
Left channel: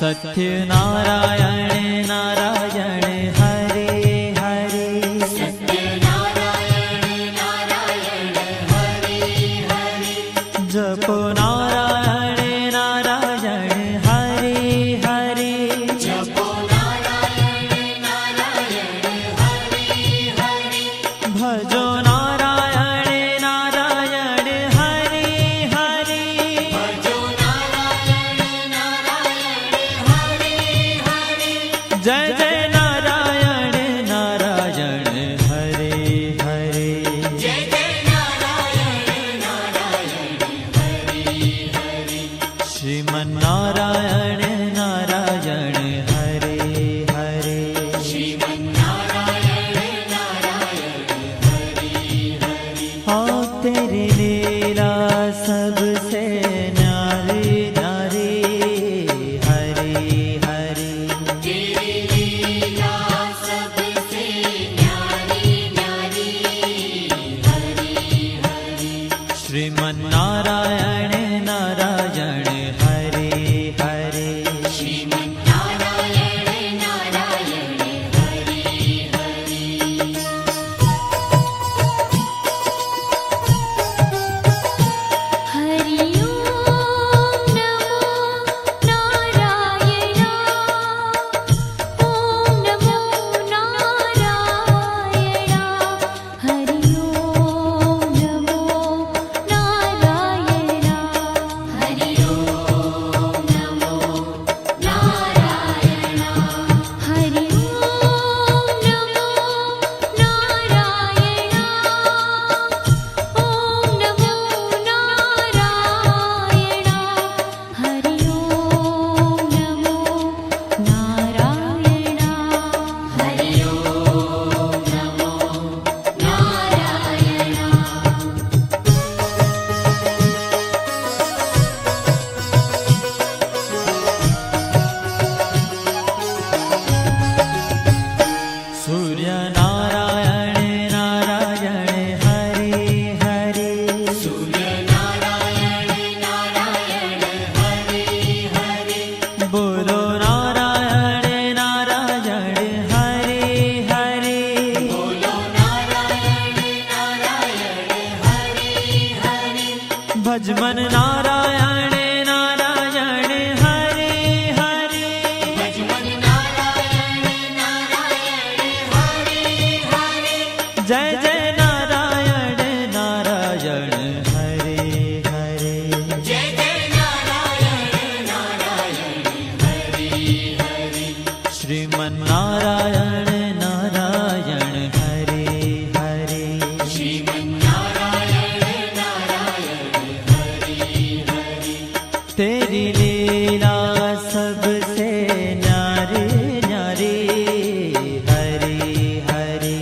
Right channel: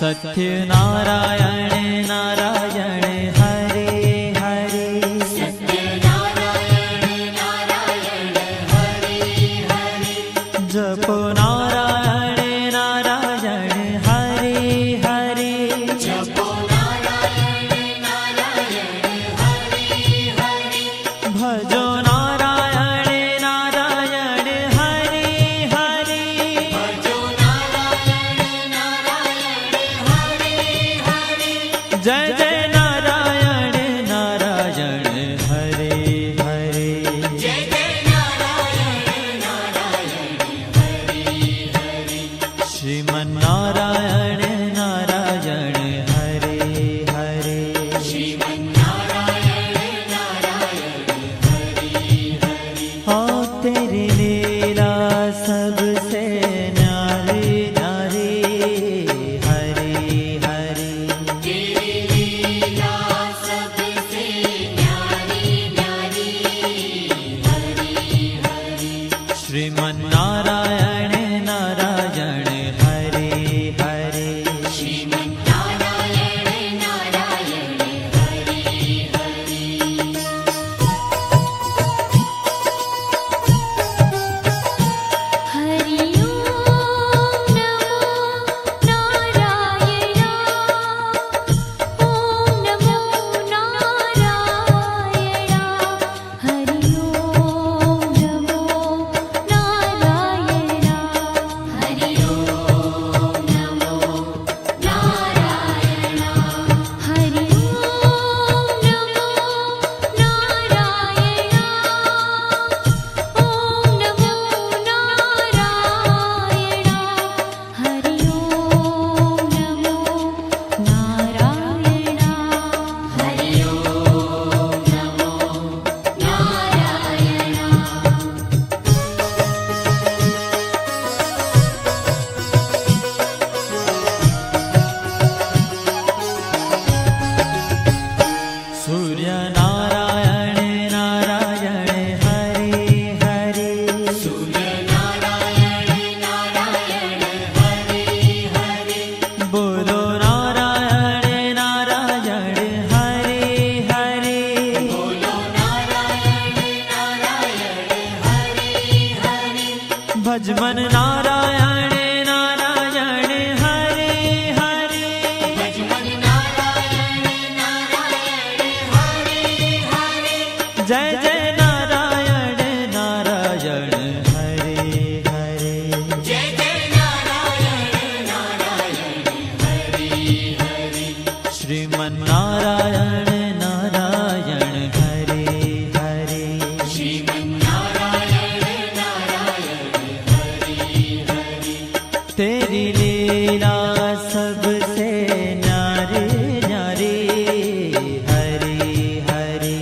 सत्यनारायण नारायण हरे हरे सत्यनारायण नारायण हरे हरे जपो नारायण नारायण हरे हरे जपो नारायण नारायण हरे हरे भजो नारायण नारायण हरे हरे भजो नारायण नारायण हरे हरे जय जय नारायण नारायण हरे हरे जय जय नारायण नारायण हरे हरे श्रीमन्नारायण नारायण हरे हरे श्रीमन्नारायण नारायण हरे हरे हाँ तेरी लीला सबसे न्यारी न्यारी हरे हरे तेरी लीला सबसे न्यारी न्यारी हरे हरे श्रीमन्नारायण नारायण हरे हरे श्रीमन्नारायण नारायण हरे हरे हरि ओम नमो नारायण ओम नमो नारायण हरि ओम नमो नारायण हरि ओम नमो नारायण हरि ओम नमो नारायण ओम नमो नारायण हरि ओम नमो नारायण हरि ओम नमो नारायण सूर्य नारायण नारायण हरे हरे सूर्य नारायण नारायण हरे हरे बोलो नारायण नारायण हरे हरे बोलो नारायण नारायण हरे हरे भजमन नारायण नारायण हरे हरे भजमन नारायण नारायण हरे हरे जय जय नारायण नारायण हरे हरे जय जय नारायण नारायण हरे हरे श्रीमन्नारायण नारायण हरे हरे श्रीमन्नारायण नारायण हरे हरे तेरी लीला सबसे न्यारी न्यारी हरे हरे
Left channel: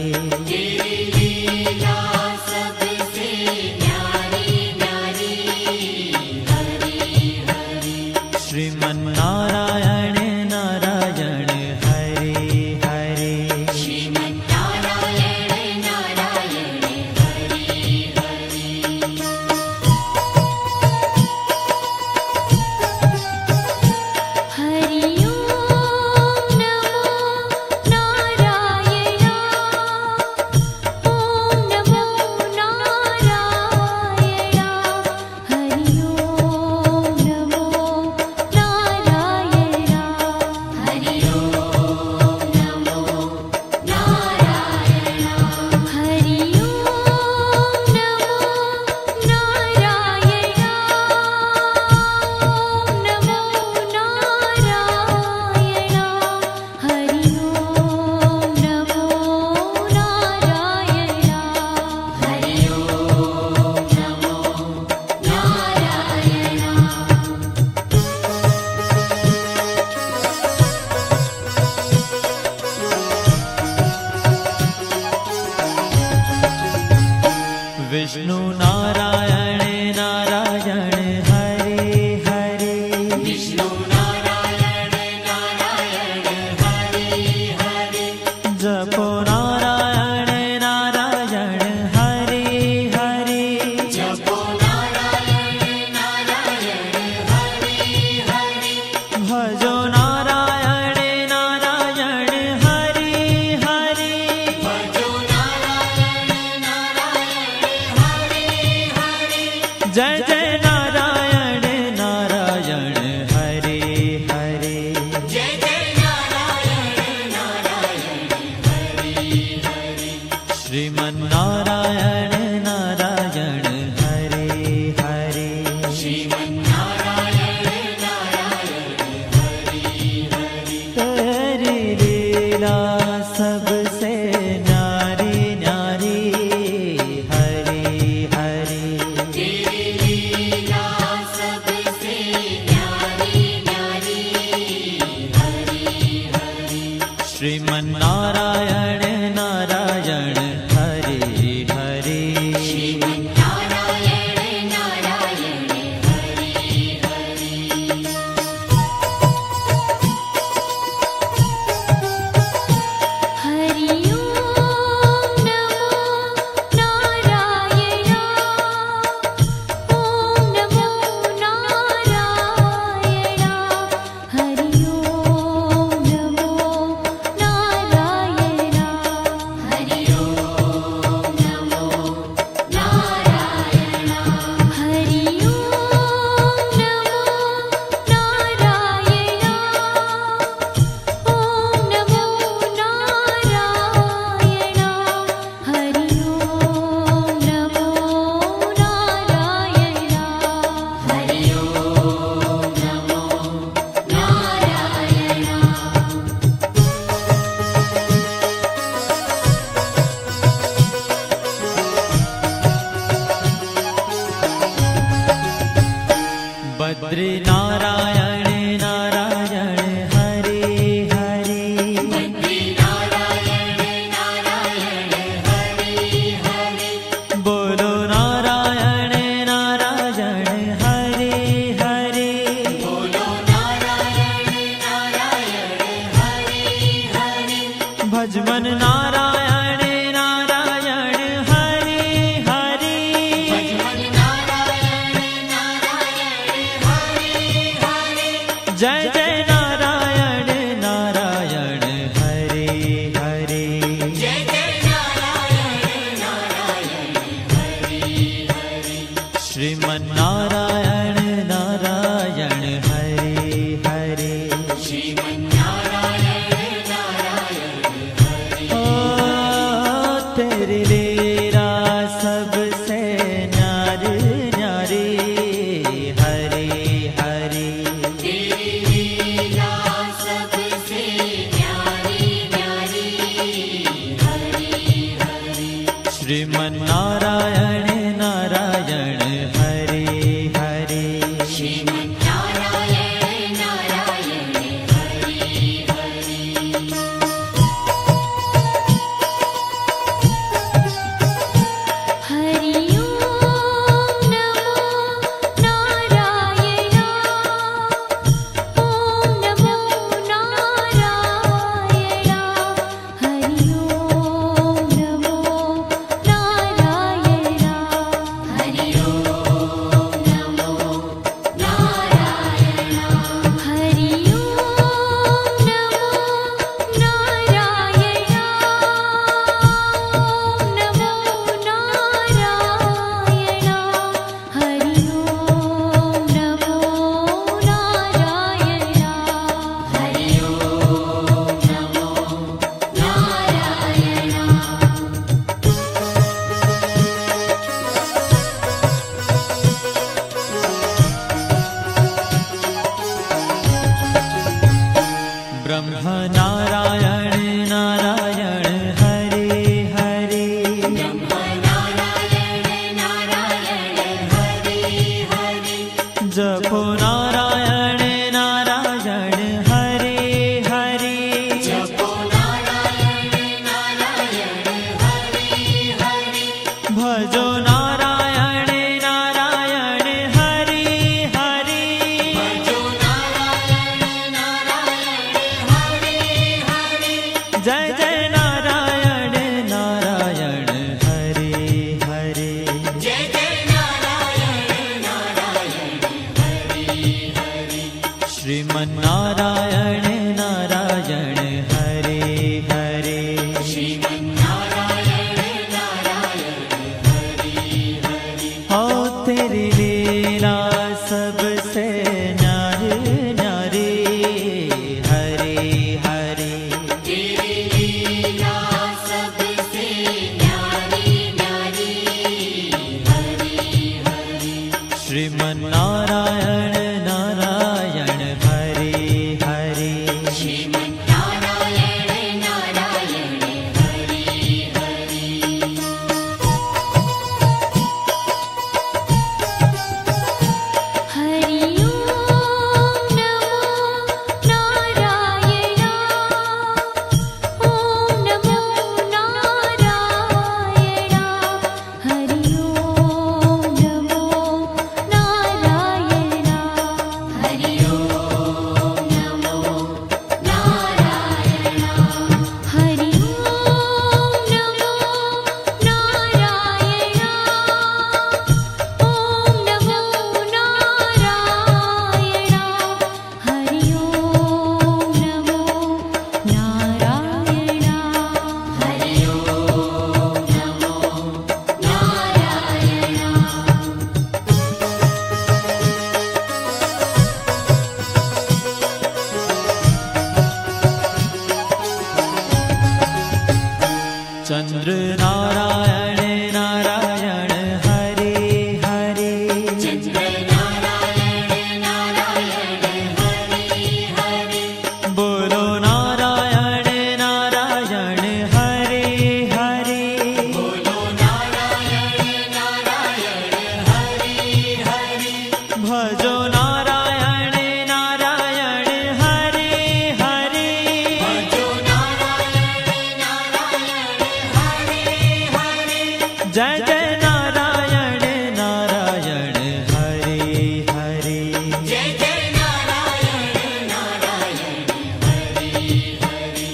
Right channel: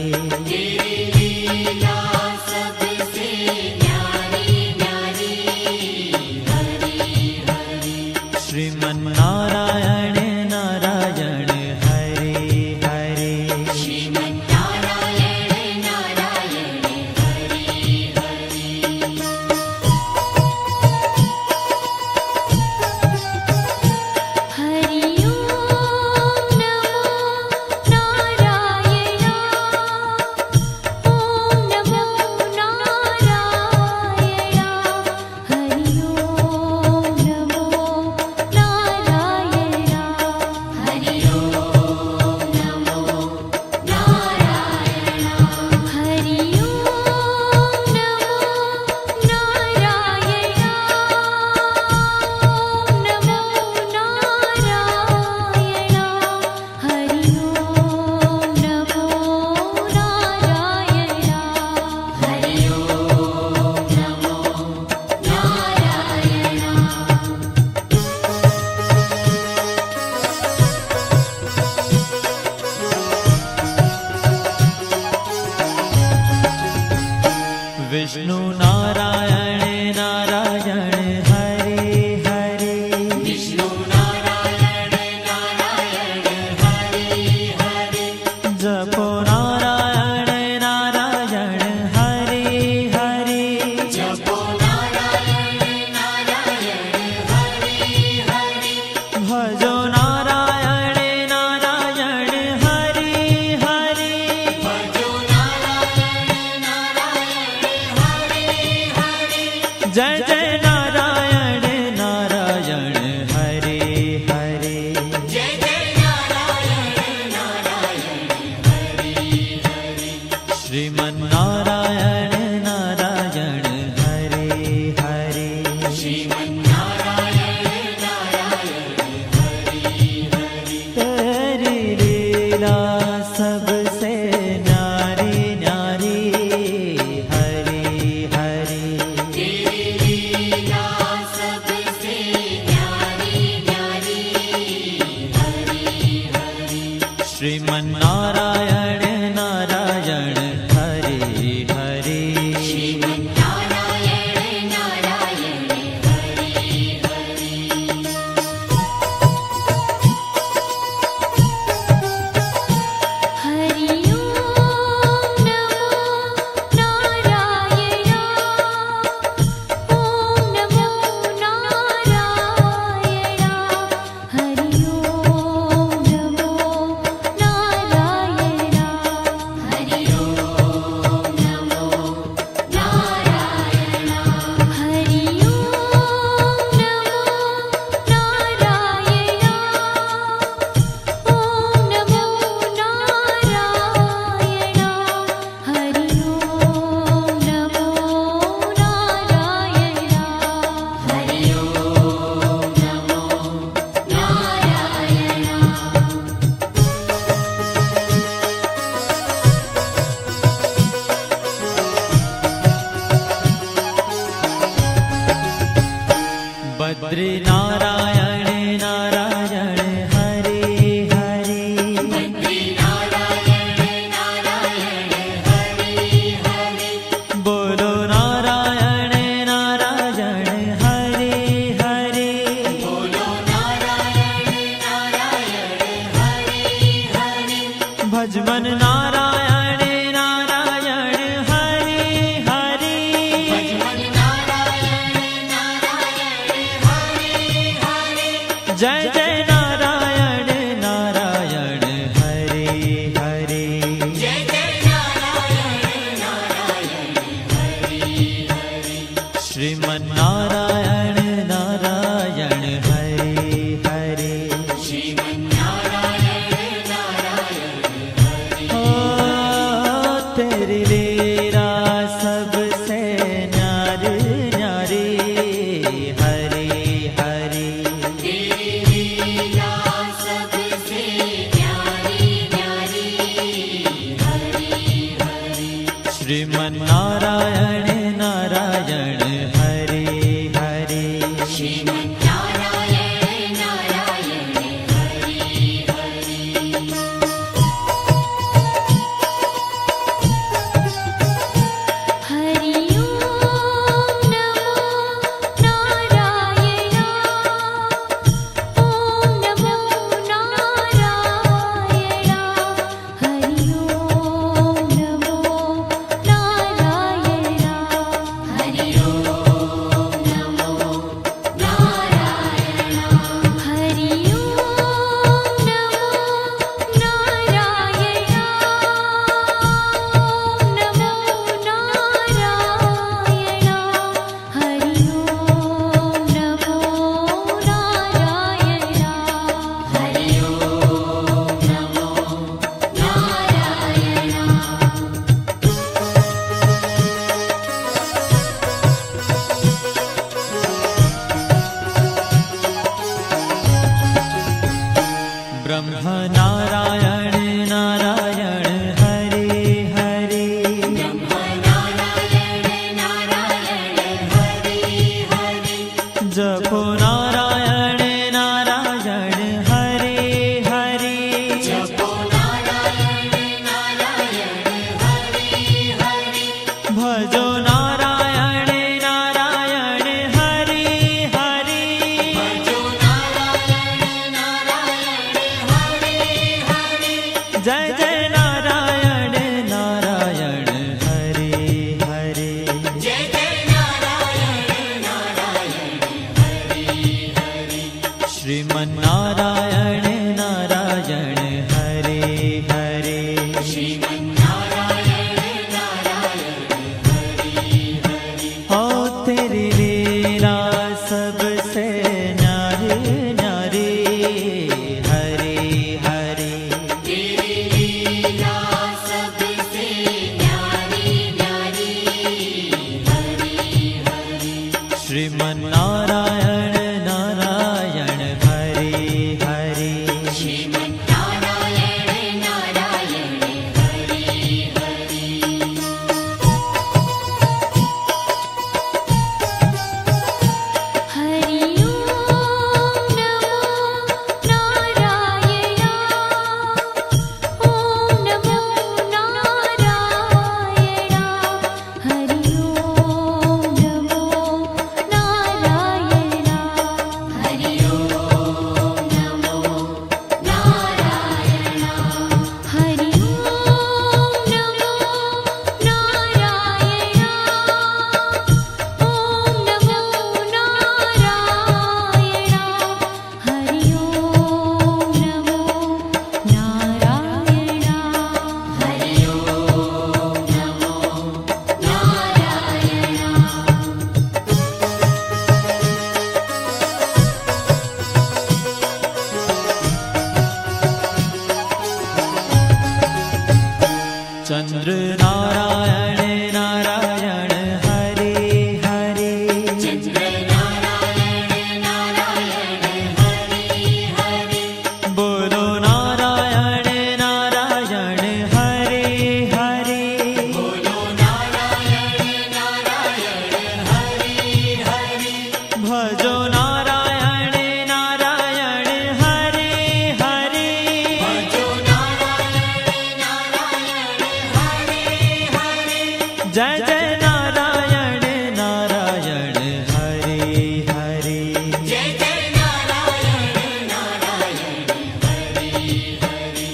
तेरी लीला सबसे न्यारी न्यारी हरे हरे श्रीमन्नारायण नारायण हरे हरे श्रीमन्नारायण नारायण हरे हरे हरि ओम नमो नारायण ओम नमो नारायण हरि ओम नमो नारायण हरि ओम नमो नारायण हरि ओम नमो नारायण ओम नमो नारायण हरि ओम नमो नारायण हरि ओम नमो नारायण विष्णु नारायण नारायण हरे हरे विष्णु नारायण नारायण हरे हरे जपो नारायण नारायण हरे हरे जपो नारायण नारायण हरे हरे भजो नारायण શ્રીમન્નારાયણ નારાયણ હરે હરે શ્રીમન્નારાયણ નારાયણ હરે હરે હરિ ઓમ નમો નારાયણ ઓમ નમો નારાયણ હરિ ઓમ નમો નારાયણ હરિ ઓમ નમો નારાયણ હરિ ઓમ નમો નારાયણ ઓમ નમો નારાયણ હરિ ઓમ નમો નારાયણ હરિ ઓમ નમો નારાયણ બદ્રી નારાયણ નારાયણ હરે હરે બદ્રી નારાયણ નારાયણ હરે હરે બોલો નારાયણ નારાયણ હરે હરે બોલો નારાયણ નારાયણ હરે હરે ભજમન નારાયણ નારાયણ હરે હરે ભજમન નારાયણ નારાયણ હરે હરે જય જય નારાયણ નારાયણ હરે હરે જય જય નારાયણ નારાયણ હરે હરે શ્રીમન્નારાયણ નારાયણ હરે હરે શ્રીમન્નારાયણ નારાયણ હરે ओ तेरी लीला सबसे न्यारी न्यारी हरे हरे तेरी लीला सबसे न्यारी न्यारी हरे हरे श्रीमन्नारायण नारायण हरे हरे श्रीमन्नारायण नारायण हरे हरे હરિ ઓમ નમો નારાયણ ઓમ નમો નારાયણ હરિ ઓમ નમો નારાયણ હરિ ઓમ નમો નારાયણ હરિ ઓમ નમો નારાયણ ઓમ નમો નારાયણ હરિ ઓમ નમો નારાયણ હરિ ઓમ નમો નારાયણ ब्रह्म नारायण नारायण हरे हरे બ્રહ્મ નારાયણ નારાયણ હરે હરે जपो नारायण नारायण हरे हरे જપો નારાયણ નારાયણ હરે હરે भजो नारायण नारायण हरे हरे ભજો નારાયણ નારાયણ હરે હરે जय जय नारायण नारायण हरे हरे જય જય નારાયણ નારાયણ હરે હરે श्रीमन्नारायण नारायण हरे हरे શ્રીમન્નારાયણ નારાયણ હરે હરે ओ तेरी लीला सबसे न्यारी न्यारी हरे हरे तेरी लीला सबसे न्यारी न्यारी हरे हरे श्रीमन्नारायण नारायण हरे हरे चंद्र नारायण नारायण हरे हरे चंद्र नारायण नारायण हरे हरे बोलो नारायण नारायण हरे हरे बोलो नारायण नारायण हरे हरे भजो नारायण नारायण हरे हरे भजो नारायण नारायण हरे हरे जय जय नारायण नारायण हरे हरे जय जय नारायण नारायण हरे हरे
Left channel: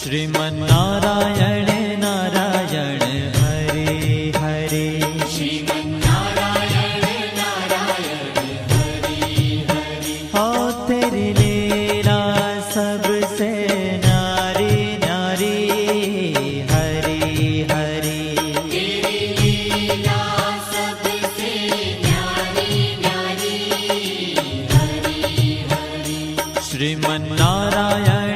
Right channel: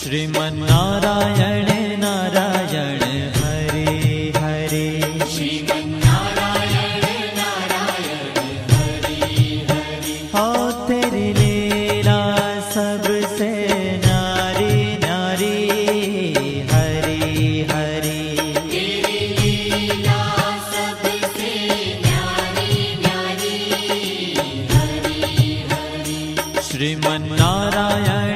श्रीमन्नारायण नारायण हरे हरे श्रीमन्नारायण नारायण हरे हरे हो तेरी लीला सबसे न्यारी न्यारी हरे हरे तेरी लीला सबसे न्यारी न्यारी हरे हरे श्रीमन्नारायण